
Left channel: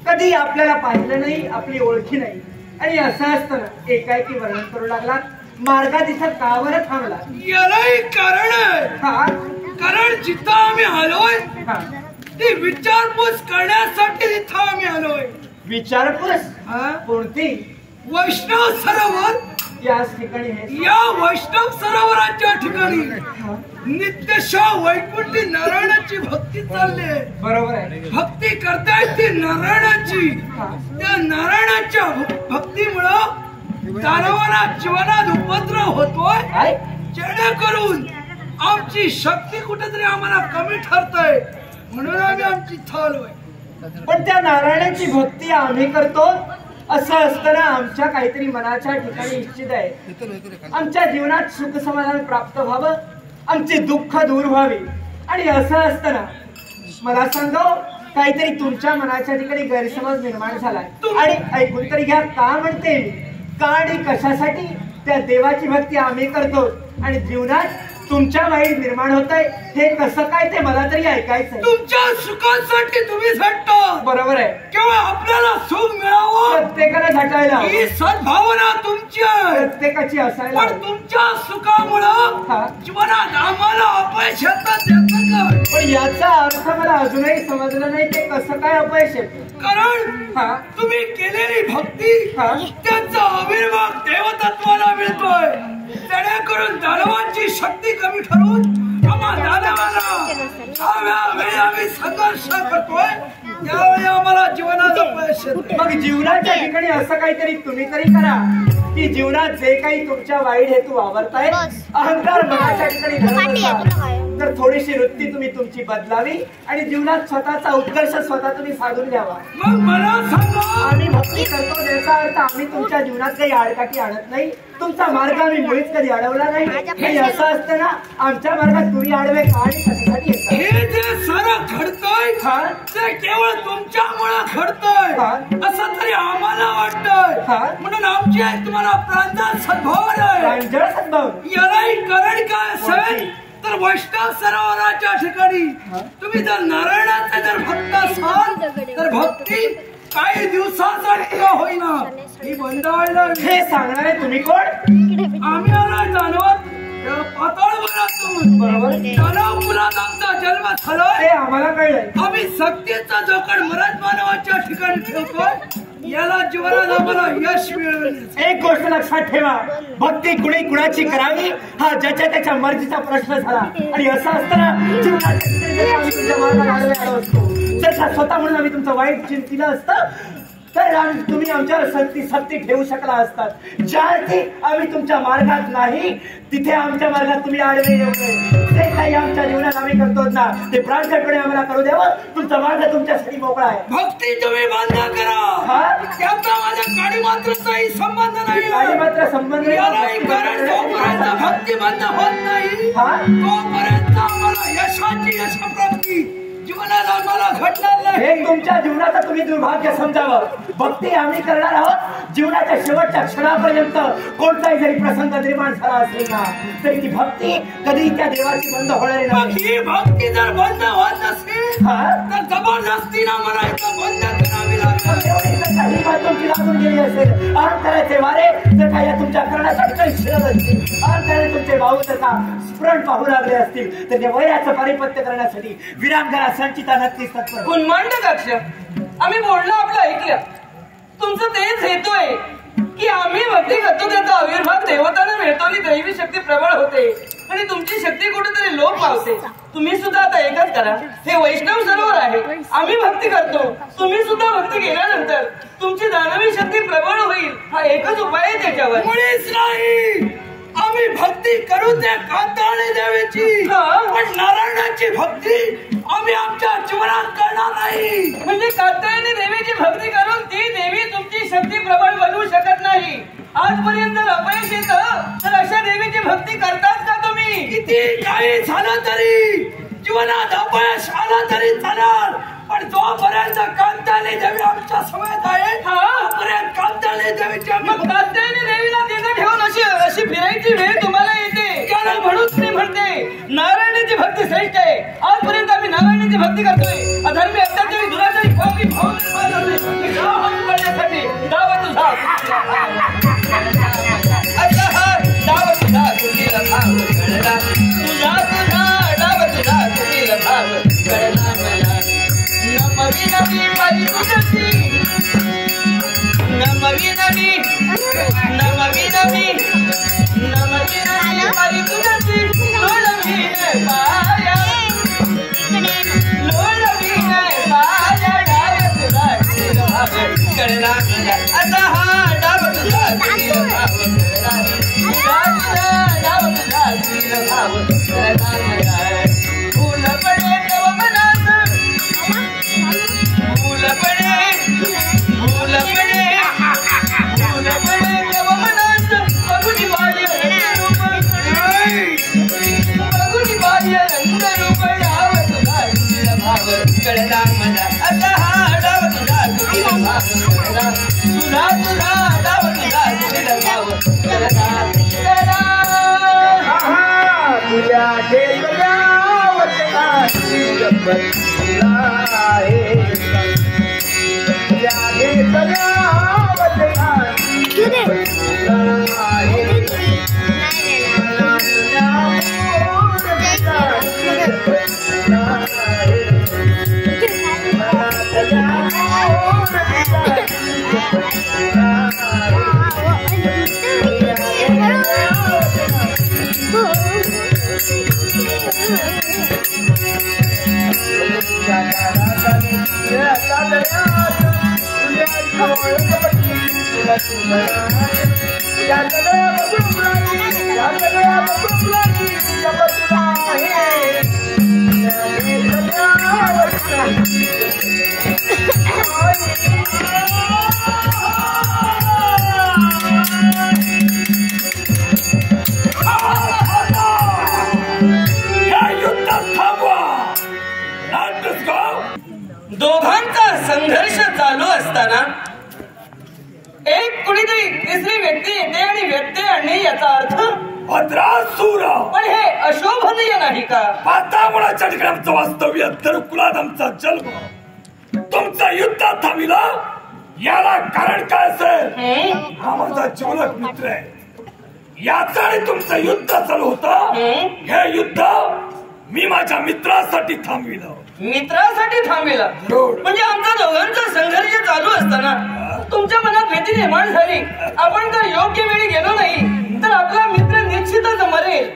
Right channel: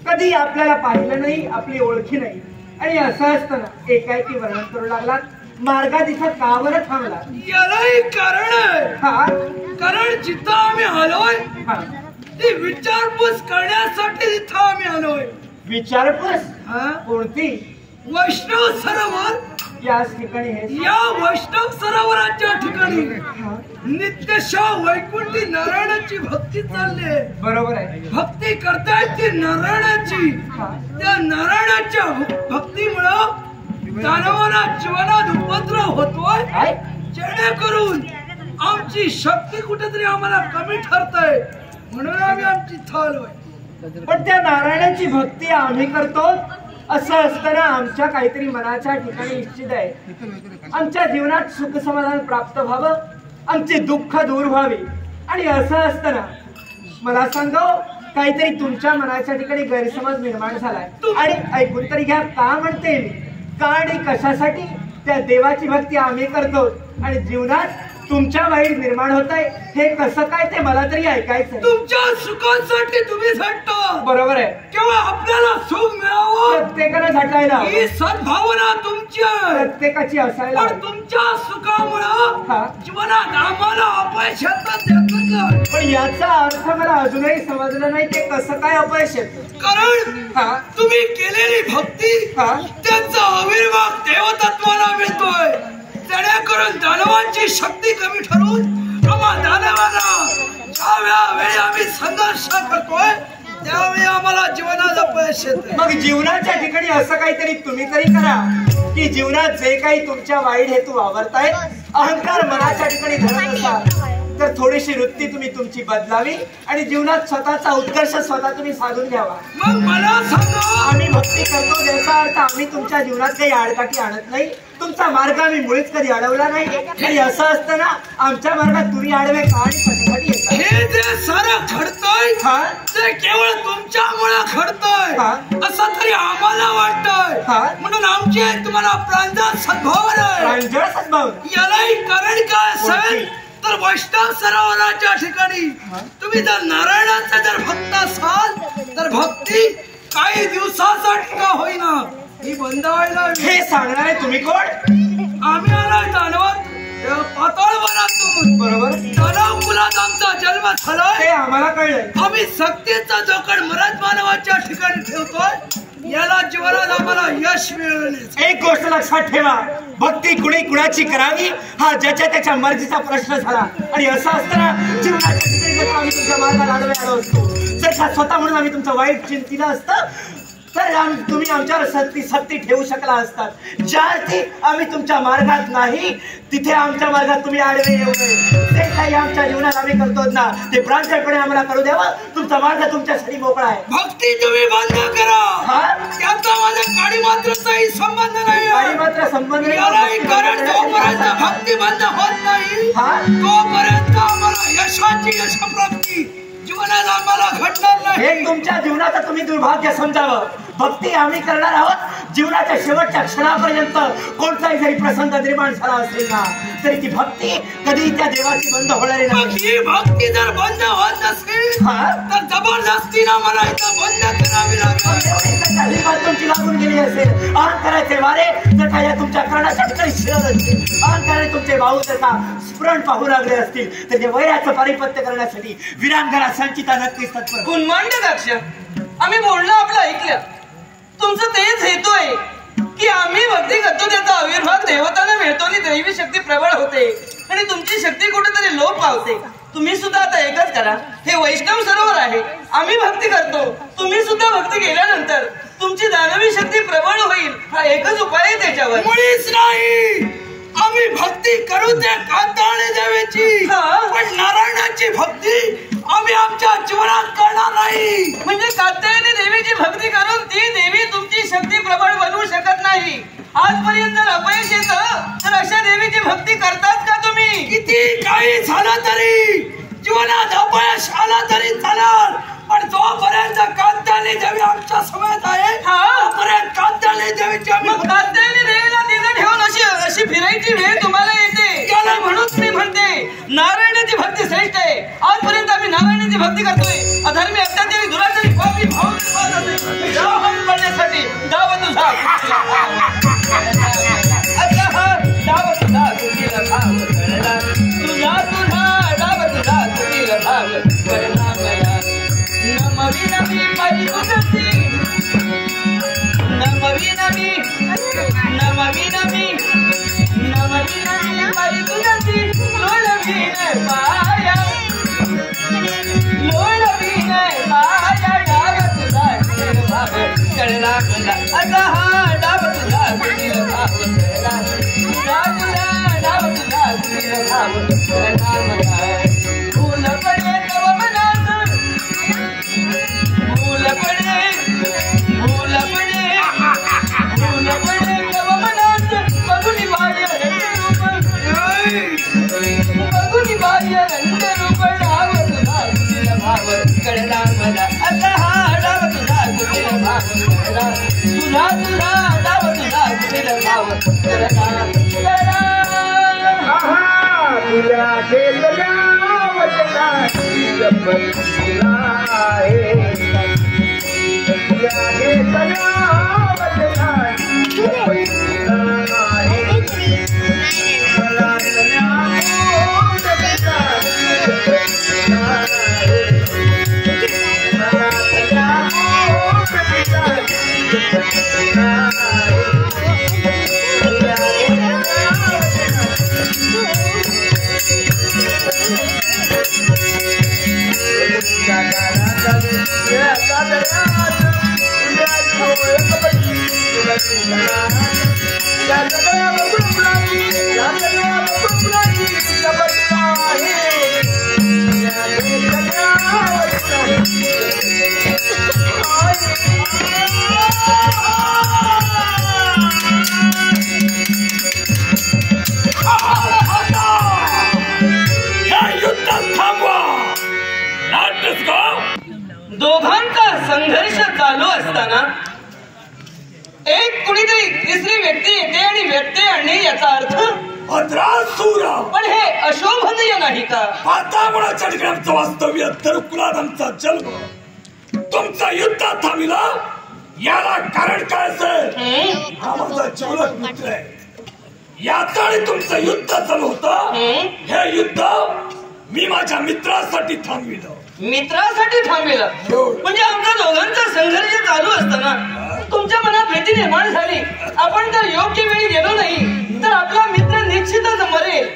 कधी आपल्याला पाहिलं नाही, आपली ओळखी नाही, आणि असं असताना एकाएकी वर्णन करू लागला. मार्गात इथं का बरं थांबला? यालाही कारण आहे. हा, कारण जिथं आम्ही आलोय ती विचारपूस करण्यासाठी तिथं आम्ही आलोय. विचारपूस? कोणती? वैष्णव सरोवर. याच ठिकाणी हे या वैष्णव सरोवराच्या ठिकाणी नित्यशा वैकुंठी नारायणाची भक्ती चालली. बरोबर आहे. भक्ती करतायत ती नारायणाची. त्या नारायणाच्या भक्तीमुळं दानवांना जीवनात उपद्रव होतोय, जेणेकरून आमची शक्ती कुठेतरी आम्हाला कमी ठरतय, म्हणून आम्ही आमची थाललोय. पण त्या नारायणाची भक्ती आम्ही करतो, असं असताना आमच्या काहीतरी मनाच्या ठिकाणी इच्छित आहे आमच्या जीवनात सुख समाधान प्राप्त व्हावं, आमचे दुःख दूर व्हावे. आणि असं असताना मला सांगा, काहीतरी तुमच्या मनाच्या ठिकाणी गैरसमज निर्माण झालाय. आणि ऐकून तरी घ्या, का म्हणते मी, का आणि कशासाठी त्या देवाची भक्ती आम्ही करतो आणि जीवनात तुमच्या वाईट निर्माण होत आहे, हे कसं काय ते मला तरी ऐकायचंय. तुमच्या सुखासाठी तुम्ही झटता. बरोबर आहे. केवळ आपल्याला सुख मिळावं प्रत्येकाने झटायला, ही सद्भावना तुमची आहे, प्रत्येकाची असायला. पण तुमच्या सुखामुळं जीवनात आम्हाला अपयश येतं. पण याचा अर्थ मला अजूनही समजलं नाही, ते कसं काय अपयश येतं? कारण तुम्ही केलेली भक्ती त्यांचा आविर्भाव देवतत्वाला मिळतोय, जेणेकरून दानवांची शक्ती कमी ठरवून आम्हा दानवाला ज्यावेळी आम्ही संघर्ष करतोय त्यावेळी आम्हाला जीवनात अपयश येतं. मग जीवनाच्या ठिकाणी असं काहीतरी तुम्ही तरी करा की जीवनात जे काही तुमच्या वाईट हेतू वावरतायत, अहंकार मनाच्या ठिकाणी धरत असाल तर थोडीशी वृत्ती तुम्ही तुमची बदलावी आणि जीवनात स्वतःचा उत्कर्ष स्वतः तुम्ही साधून घ्यावा. मग मला सांगा, आम्ही भक्ती करतो ज्याचा अर्थ आम्ही तुमच्या जीवनात काही आडकाठी आणत नाही, तुमचा मार्ग आम्ही मुळीच कधी अडवला नाही. आणि असं असतं ना, आमच्या मार्गात तुम्ही आडवे का आणि कशासाठी येतात? हे जे सारं घडतंय ते केवळ तुमच्यामुळे घडतंय असं तरी आम्हाला वाटतंय. म्हणून आमची तुम्हाला प्रांजळ सद्भावना आहे. प्रांजळ सद्भाव यालाही कारण काय असेल तर वैष्णव सरोवराच्या ठिकाणी तुम्ही जर नारायणाचा जर भक्त असाल तर भक्ती काही दिवसासाठी का होईना ही बंद व्हायला. हे सांगणारे तुम्ही कोण? आम्ही आला दानवात पाताळ वनातून. बरोबर. दानव कुलात आमचा जन्म झालाय हे आम्हाला कळलंय. आम्ही सक्तीचा जोखड मरद मानवाच्या ठिकाणी ठेवतोय, याला जीवनात आम्हाला यश मिळवणे. एक गोष्ट लक्षात ठेवा, भक्ती कुणी कुणाची करावी हा ज्याच्या त्याच्या मर्जीचा प्रश्न झाला. आणि असं असताना जीवनाच्या ठिकाणी जर आम्ही तुमच्या मार्गात आडवे आलो असतो, जर का स्वतः म्हणून आम्ही तुमचं वाईट चिंतिलं असतं तर तुम्ही आमच्यावर सक्ती ठेवू शकला असतात. ज्या अर्थी आम्ही तुमच्या मार्गात नाही तिथे आमच्या मार्गात तुम्ही आडवे येऊ नये. जे काही आमच्या जीवनात आम्ही करतो ना ते प्रांजळपणे आम्हाला करू द्यावं. तुमचा मार्ग तुमच्यासाठी मोकळा आहे. भक्ती तुम्ही बंद करा, त्याचा माझ्या काळी मात्रचाही संबंध नाही. काळी मात्र संबंध नाही. कारण जोपर्यंत भक्ती बंद होत नाही तोपर्यंत आम्हाला यशाची यशप्राप्ती जीवनात आम्हाला घडणार नाही. हे तुमच्या जीवनाचं तुम्ही दुर्भाग्य समजावं. भक्ती आम्ही करणार आहोत जीवनाच्या शेवटच्या क्षणापर्यंत. कोणताही जरी प्रसंग निर्माण झाला असेल ना तरी ती भक्ती कधी त्या देवाची बंद होणार नाही. ही भक्ती जर बंद होत नसेल तर जबरदस्तीनं मला इथं बंद करावी लागेल. तुमची लागून गेली असेल, अहंकाराचे वारे जर का या तुमच्या करण्यासाठी काही शिरत असतील, अहंकाराने तुमचे भाऊ जर का स्फुरण पाहू लागले असतील तर ते वैराचं पारिपत्य करण्यासाठी वीरांगना संचिता नक्कीच तत्पर. कुन्मांड दक्ष, आम्ही बोलणं आपलं ऐकलं. तुमचं तेच हेतू आहे की आम्ही भक्ती करतो त्याचा आविर्भाव देवतांना मिळतो आणि दैवी शक्ती प्रबळ होते आणि तुमची शक्ती कुठेतरी लोप पावते. तुम्ही सुद्धा आता एकच करा, हे वैष्णव सरोवर आहे, आम्ही भक्ती करतो, तुम्ही सुद्धा भक्ती केल्यानंतर तुमची दानवी शक्ती प्रबळ होईल. हा एकच उपाय आहे त्याच्यावर. मुळीच नाही, आम्ही भक्ती करू त्या कांताळे देवाची, पण नारायणाची भक्ती आम्ही आमच्या जीवनात करणार नाही. म्हणजे कात्यायनी देवीची भक्ती करून ती देवी तुमची शक्ती प्रबळ बनवू शकत नाही. आजपर्यंत जर अपयश येतं तर अशा देवीची भक्ती करतात का तुम्ही? किती काही झालं तरी जीवनात अपयश आलं तरी चालेल, पण जोपर्यंत कात्यायनी देवी आमच्या समोर आहे तोपर्यंत कात्यायनी देवीची मग कात्यायनी देवीला तिथे ठेवून अशी फिरायची वेळ तुम्हाला येते. म्हणून तुम्ही म्हणते नारायणाची भक्ती श्रेष्ठ आहे. आजपर्यंत आम्ही नारायणाची भक्ती करतोय. अधर्मी अत्याचारी दुराचारी पापी भाव पडण्यासाठी डाव तुझा डाव तुझा कुटील भाव कळला, तुझा तुझा डाव तुझा कुटील भाव कळला मला. नमवी नवी पायी तुझी नमवी नवी नमवी नवी नमवी नवी पायी तुझी लोळवीन पाया लोळवीन पाया डाव तुझा कुटील भाव कळला मला. असा हा डाव तुझा कुटील भाव कळला, तुझा तुझा डाव तुझा कुटील भाव कळला मला. फुल पडे तव मनात फुल पडे फुल पडे फुल पडे तव मनात बघुनी बाह्य रंगरूप बघुनी बाह्य रंगरूप डाव तुझा कुटील भाव कळला मला. असा हा डाव तुझा कुटील भाव कळला, तुझा तुझा डाव तुझा कुटील भाव कळला कळला. तुझ्या केलेल्या वचनाची गंमतीला आहे. तुझ्या केलेल्या वचनाची गंमतीला आहे. मला न्यावून देण्याची गंमतीला आहे. मला न्यावून देण्याची गंमतीला आहे. दोघांचा संघर्ष चालू असताना एक कुणीतरी तिसरी व्यक्ती येते आणि व्यत्यय आणणे याचा अर्थ भद्रासुर. पण हे अशोभनीय नाही का? पाताळाच्या ठिकाणी आमचं वास्तव्य, तर कुलात आमचा जन्म. तुमचं युद्ध थांबलं याला कारण काय असेल? हा माझा जीवलग मित्र आहे. याचं आणि तुमचं युद्ध चालू होतं. हे युद्ध मी माझ्या मित्रासाठी थांबविलं. मित्रासाठी थांबेला म्हणजे आमच्या दोघांचा संघर्ष चालू असताना तुमच्या मनात भीती निर्माण झाली. आपण जर योग्य वेळी गेलो नाही तर आपला मित्र निश्चितच मरेल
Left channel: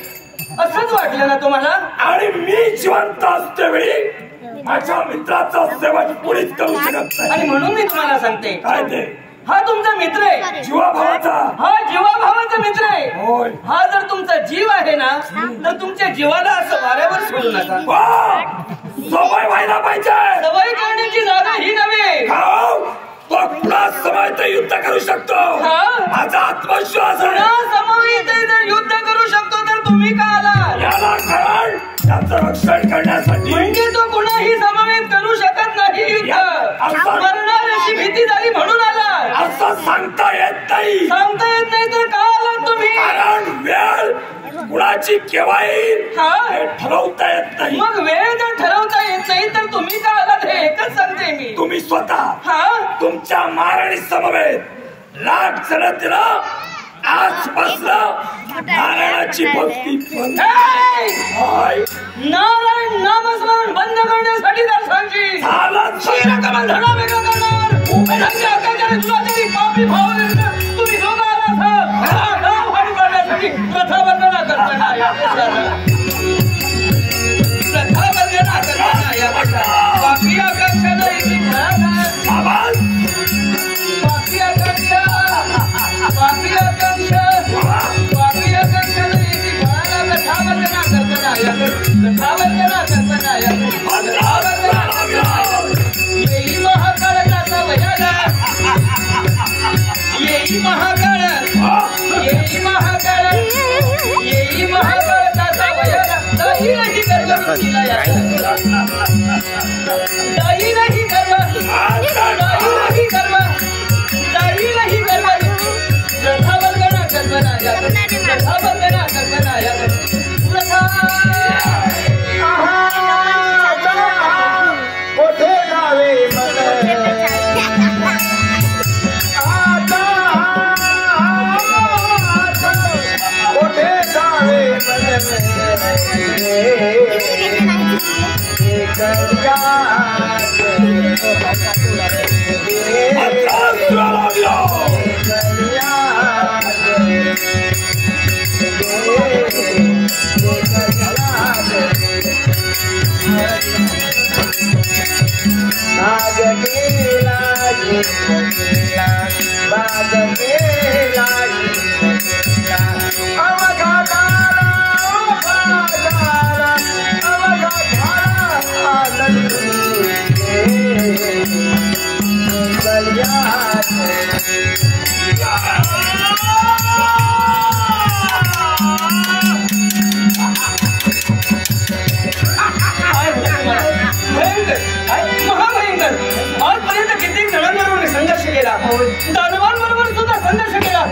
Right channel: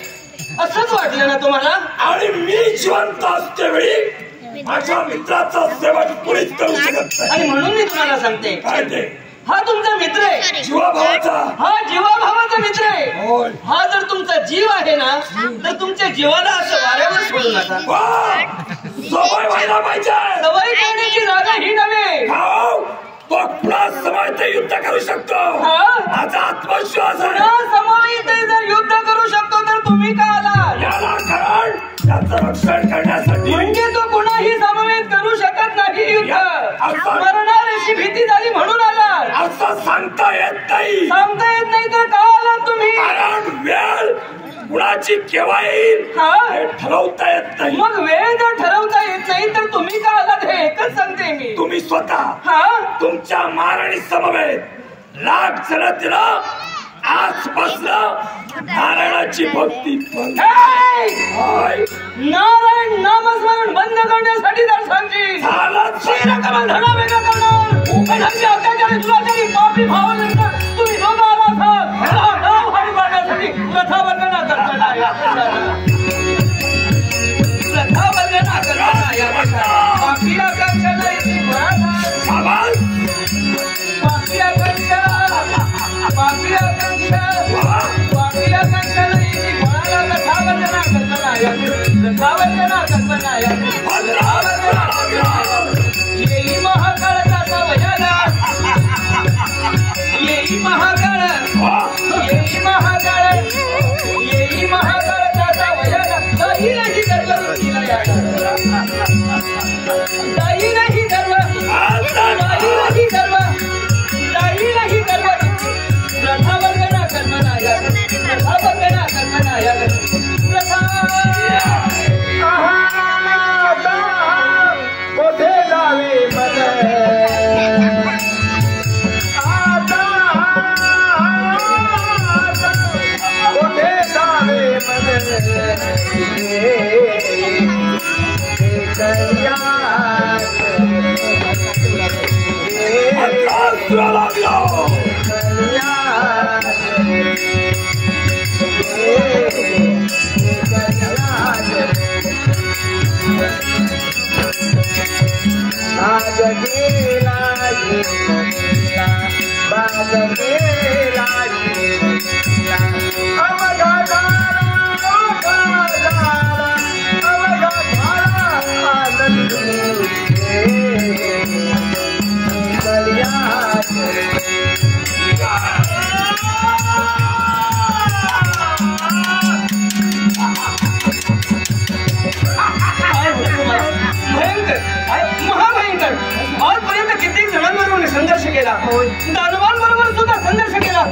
असंच वाटलं ना तुम्हाला? आणि मी जिवंत असतेवेळी माझ्या मित्राचा सेवा कुणीच करू शकत नाही. आणि म्हणून मी तुम्हाला सांगते, काय ते? हा तुमचा मित्र आहे, जीवाभावाचा. हा जीवाभावाचा मित्र आहे. होय. हा जर तुमचा जीव आहे ना तर तुमच्या जीवाला असं वाऱ्यावर सोडू नका. सवय व्हायला पाहिजे. सवय करण्याची जागा ही नव्हे. तो पुन्हा समावित युद्ध करू शकतो. माझा आत्मविश्वास आहे. समावित जर युद्ध करू शकतो तर तुम्ही का आला? याला कारण त्याचं रक्षण करण्यासाठी. म्हणजे तो कुणाही समवेत करू शकत नाही युद्ध. मरणार अशी भीती झाली म्हणून आला. असं सांगता येत नाही. सांगता येत नाही तर का आलात तुम्ही? कारण वेळ कुणाची केव्हा येईल हे ठरवता येत नाही. मग वेळ जर ठरवता येत नाही तर तुम्ही का आलात हे एकच सांगते मी. तुम्ही स्वतः तुमच्या महाराणी समवेत लाख जण तिला आजपासलं नारायणाची भक्ती नारायण नामस्मरण बंद करण्यासाठी दर्शनची धडा वेगळा करणार. अत्याचारी दुराचारी पापी भावानंतर तुम्ही दोघं आलात हानी करण्यासाठी प्रथा वंदना करताना प्रथा वंदना करताना पापी आकांक्षानं येते पापी आकांक्षा पापी आकांक्षा पापी आकांक्षानं येते फळाला प्रथा वंदना करताना प्रथा वंदना करताना वासुला लागला दानवांबरोबर सुद्धा संघर्ष केला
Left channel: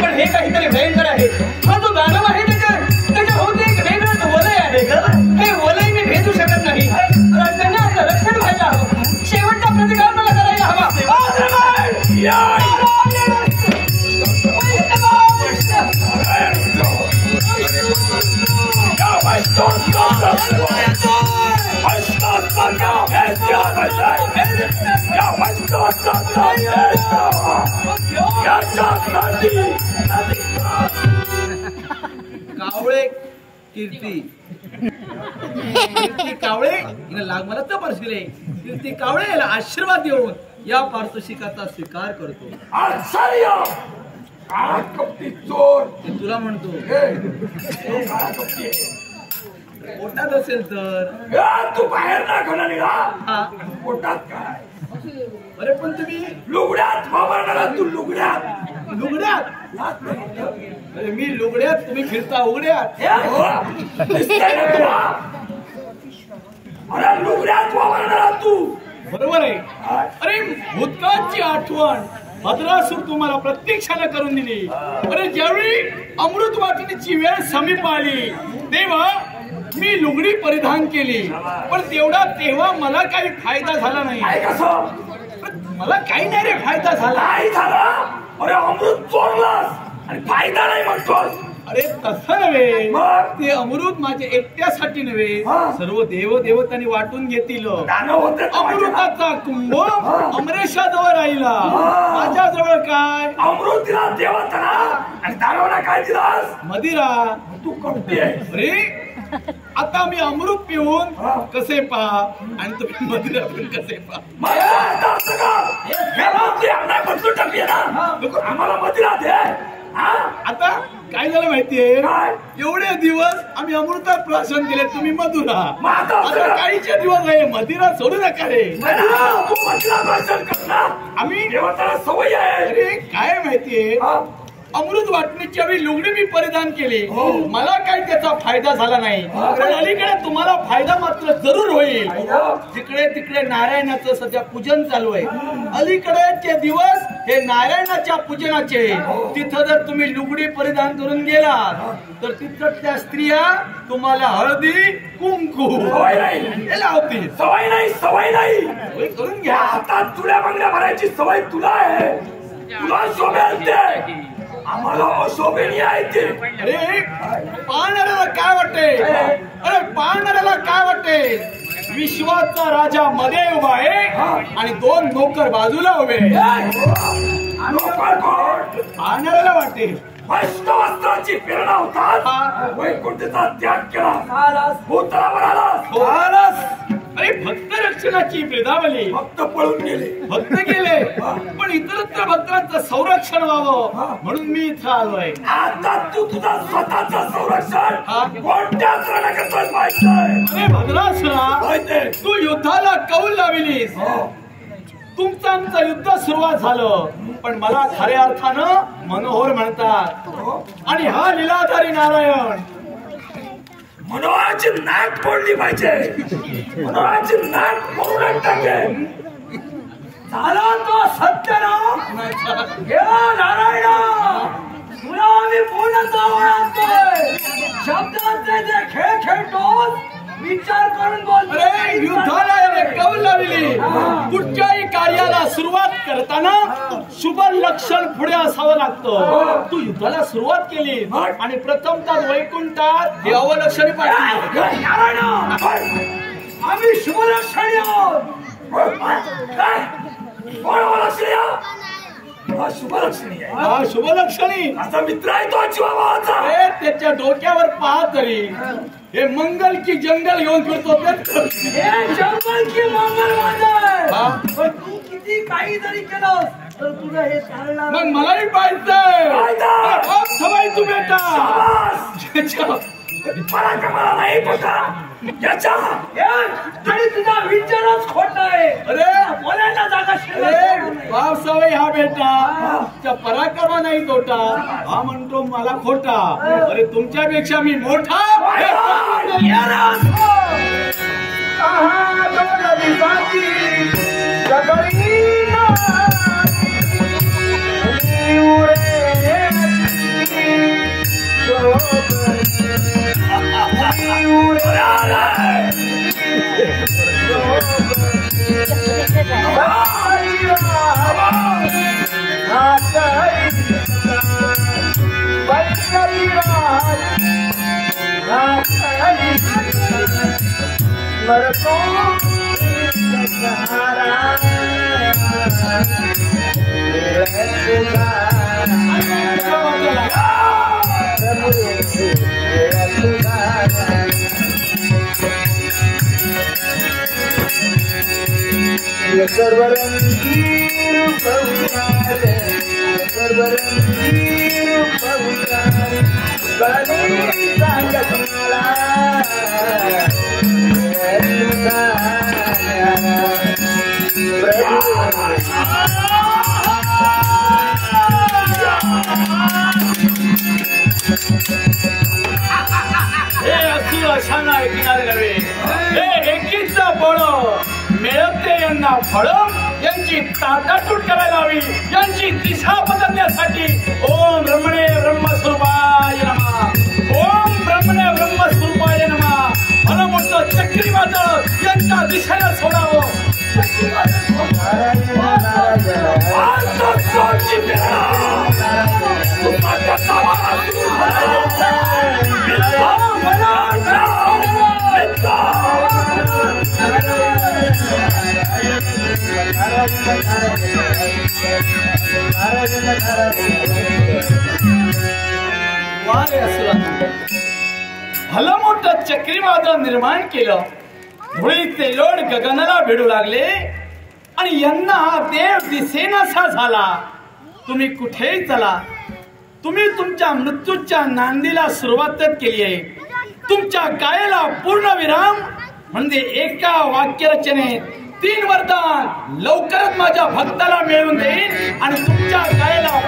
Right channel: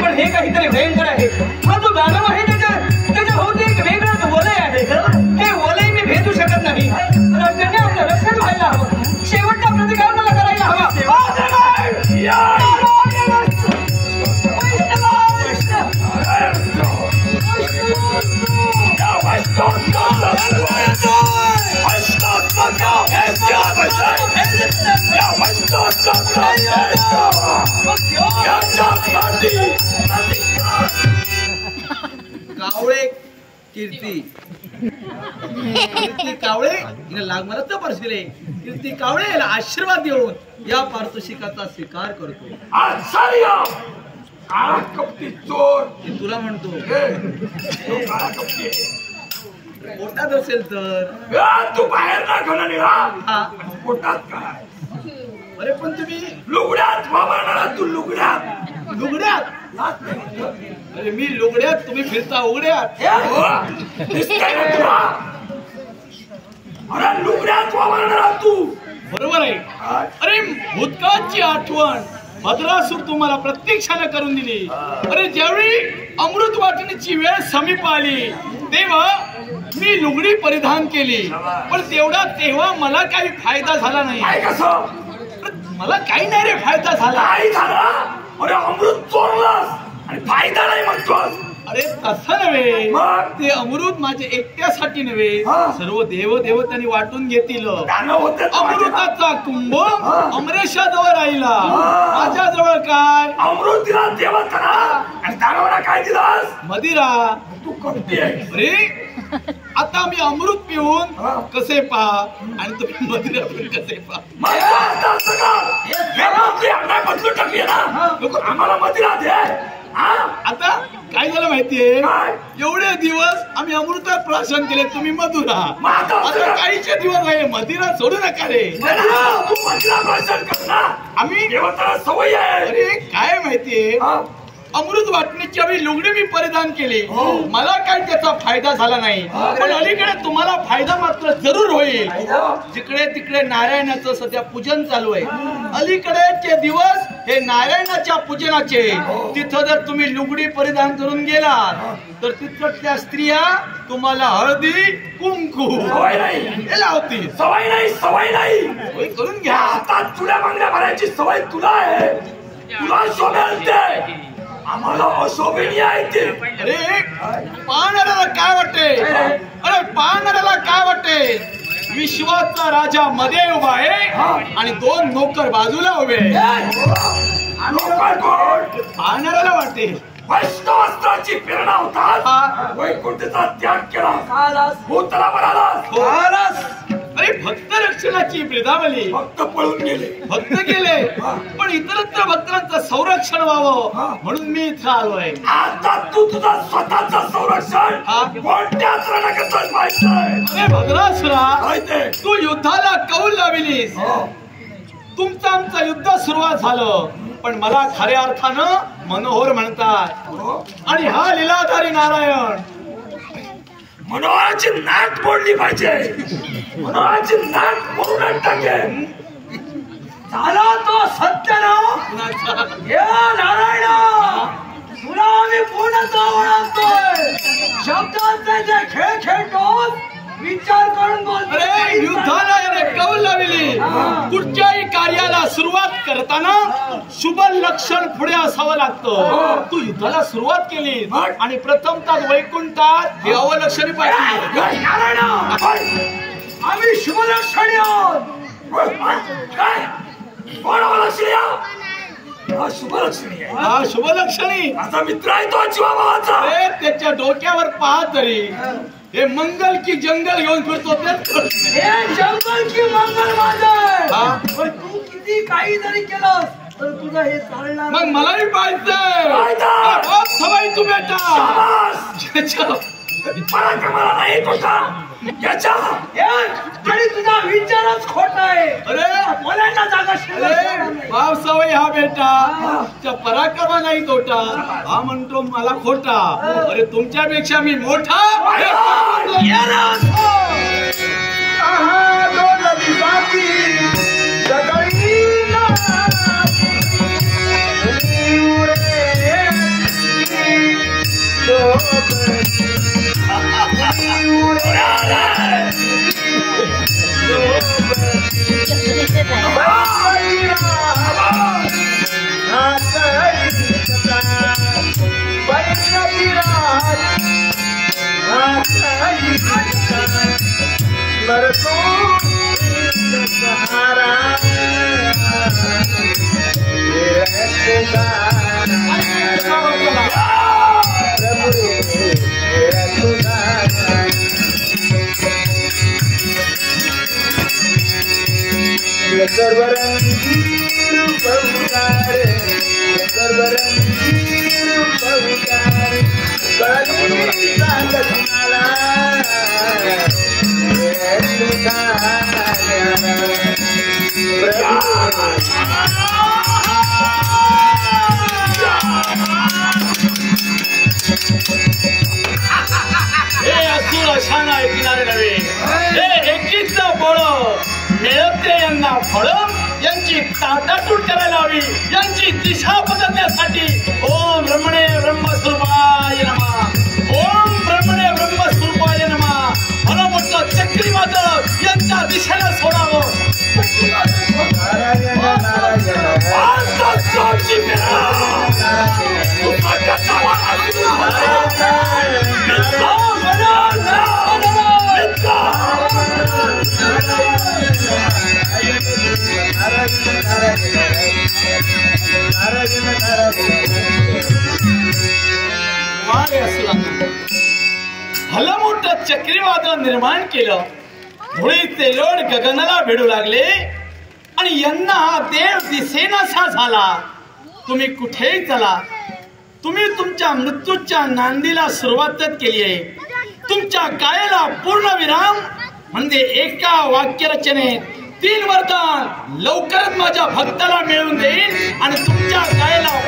पण हे काहीतरी भयंकर आहे हा जो दानव आहे त्याच्या भोवती एक वेगळंच वलय आहे हे वलय मी भेदू शकत नाही राज्याने आपलं रक्षण व्हायला हवं शेवटचा प्रतिकार मला करायला हवा कावळे कीर्ती कावळे हिला लागमाला तर परशिले कीर्ती कावळे याला आशीर्वाद देऊन या पारितोषिकाचा स्वीकार करतो. काळा कपटी चोर ते तुला म्हणतो काळा कपटी पोटात असेल तर तू बाहेर ना घाला निघा हा पोटात काय अरे पण तुम्ही लुगड्यात वावरणारा तू लुगड्यात अरे मी लुगड्यात तुम्ही फिरता उघड्यात अरे लुगड्यात वावरणारा तू बरोबर आहे. अरे भूतकाळची आठवण भद्रासूर तुम्हाला प्रत्यक्षाने करून दिली. अरे ज्यावेळी अमृत वाटणीची वेळ समीप आली तेव्हा मी लुगडी परिधान केली पण तेव्हा मला काही फायदा झाला नाही. मला काही नाही रे फायदा झाला. अरे अमृत चोरलास आणि फायदा नाही म्हणतोस. अरे तसं नव्हे ते अमृत माझे एकट्यासाठी नव्हे सर्व देवदेवतांनी वाटून घेतील. अमृताचा कुंभ अमरेशाजवळ राहिला माझ्याजवळ काय अमृत दिला देवताना आणि दानवाला काय दिलास मदिरा. तू कपटी आहे. अरे आता मी अमृत पिऊन कसे पा आणि तुम्ही मदिरा पिऊन कसे पा. बदलून टाकली ना आम्हाला मदिरा दे. आता काय झालं माहितीये एवढे दिवस आम्ही अमृतात प्राशन केले तुम्ही मधुरा. आता काहीचे दिवस आहे मदिरा सोडू नका रे. आम्ही सवय आहे. अरे काय माहितीये अमृत वाटणीची आम्ही लुगडी मी परिधान केली मला काही त्याचा फायदा झाला नाही पण अलीकडे तुम्हाला फायदा मात्र जरूर होईल. जिकडे तिकडे नारायणाचं सध्या पूजन चालू आहे. अलीकडेचे दिवस हे नारायणाच्या पूजनाचे. तिथं जर तुम्ही लुगडी परिधान करून गेलात तर तिथल्या स्त्रिया तुम्हाला हळदी कुंकू हे लावतील. सवय नाही सोय करून घ्या. आता चुड्या बांगड्या भरायची सवय तुला आहे. तुला शोभेल आम्हाला अशोभनीय आहे ते. अरे पाहणाऱ्याला काय वाटेल विश्वाचा राजा मध्ये उभा आहे आणि दोन नोकर बाजूला उभे. पाहणाऱ्याला वाटेल वैष्णवास्त्राची प्रेरणा होता वैकुंठचा त्याग केला भूतलावर आलास. अरे भक्त रक्षणाची ब्रिदावली भक्त पळून गेले पण इतरत्र भक्तांचं संरक्षण व्हावं म्हणून मी इथं आलोय. आता तू तुझा स्वतःचं संरक्षण कोणत्याच रणकथेत पाहिजे. अरे भद्रासुरा तू युद्धाला कौल लाविलीस. तुमचं आमचं युद्ध सुरुवात झालं पण मला खऱ्या अर्थानं मनोहर म्हणतात आणि हा लीलाधारी नारायण. मनोहराची नाक फोडली पाहिजे. मनोहराची नाक फोडून टाकेल. झाला तो सत्य ना नारायण तुला आम्ही पूर्णतः ओळखतोय. शब्दांचे जे खेळ खेळतो विचार करून बोल. अरे युद्धाला याने कौल लावली. कुठच्याही कार्याला सुरुवात करताना शुभ लक्षण पुढे असावं लागतं. तू युद्धाला सुरुवात केली आणि प्रथमतः वैकुंठात हे अवलक्षणी पाहिजे. आम्ही शुभ लक्षणी आहोत. हा शुभलक्षणी आहे. हा शुभलक्षणी. माझा मित्र आहे तो जीवाभावाचा. अरे त्याच्या डोक्यावर पाहा तरी हे मंगल की जंगल घेऊन फिरतो तेच कळत नाही. हे जंगल की मंगल माझं. हा? पण तू किती काही जरी केलंस तर तुझं हे चालणार मग मलाही पाहिजे. सवाई तू बेटा पराक्रमाला नाही तुझा याच्या. आणि तुझा विचारच खोटा आहे. अरे बोलायला जागा शिल्लक अरे नाही. बाप सवय हा बेटा त्या पराक्रमा नाही तोटा. हा म्हणतो मला खोटा. अरे तुमच्यापेक्षा मी मोठा. हे पकडून दे. फळ यांची ताटातूट करायला हवी. यांची दिशा बदलण्यासाठी ओम ब्रह्मणे ब्रह्मस्वरूपाय नमः. ओम ब्रह्मणे ब्रह्मस्वरूपाय नमः. मला मोठं चक्रीवादळ यांच्या दिशेला सोडावं. भलं मोठं चक्रीवादळ निर्माण केलं. धुळीचे लोड गगनाला भिडू लागले आणि यांना देव दिसेनासा झाला. तुम्ही कुठेही चला, तुम्ही तुमच्या मृत्यूच्या नांदीला सुरुवातच केली आहे. तुमच्या गायला पूर्ण विराम म्हणजे एका वाक्यरचनेत 3 वरदान लवकरच माझ्या भक्ताला मिळवून देईन आणि तुमच्या गायला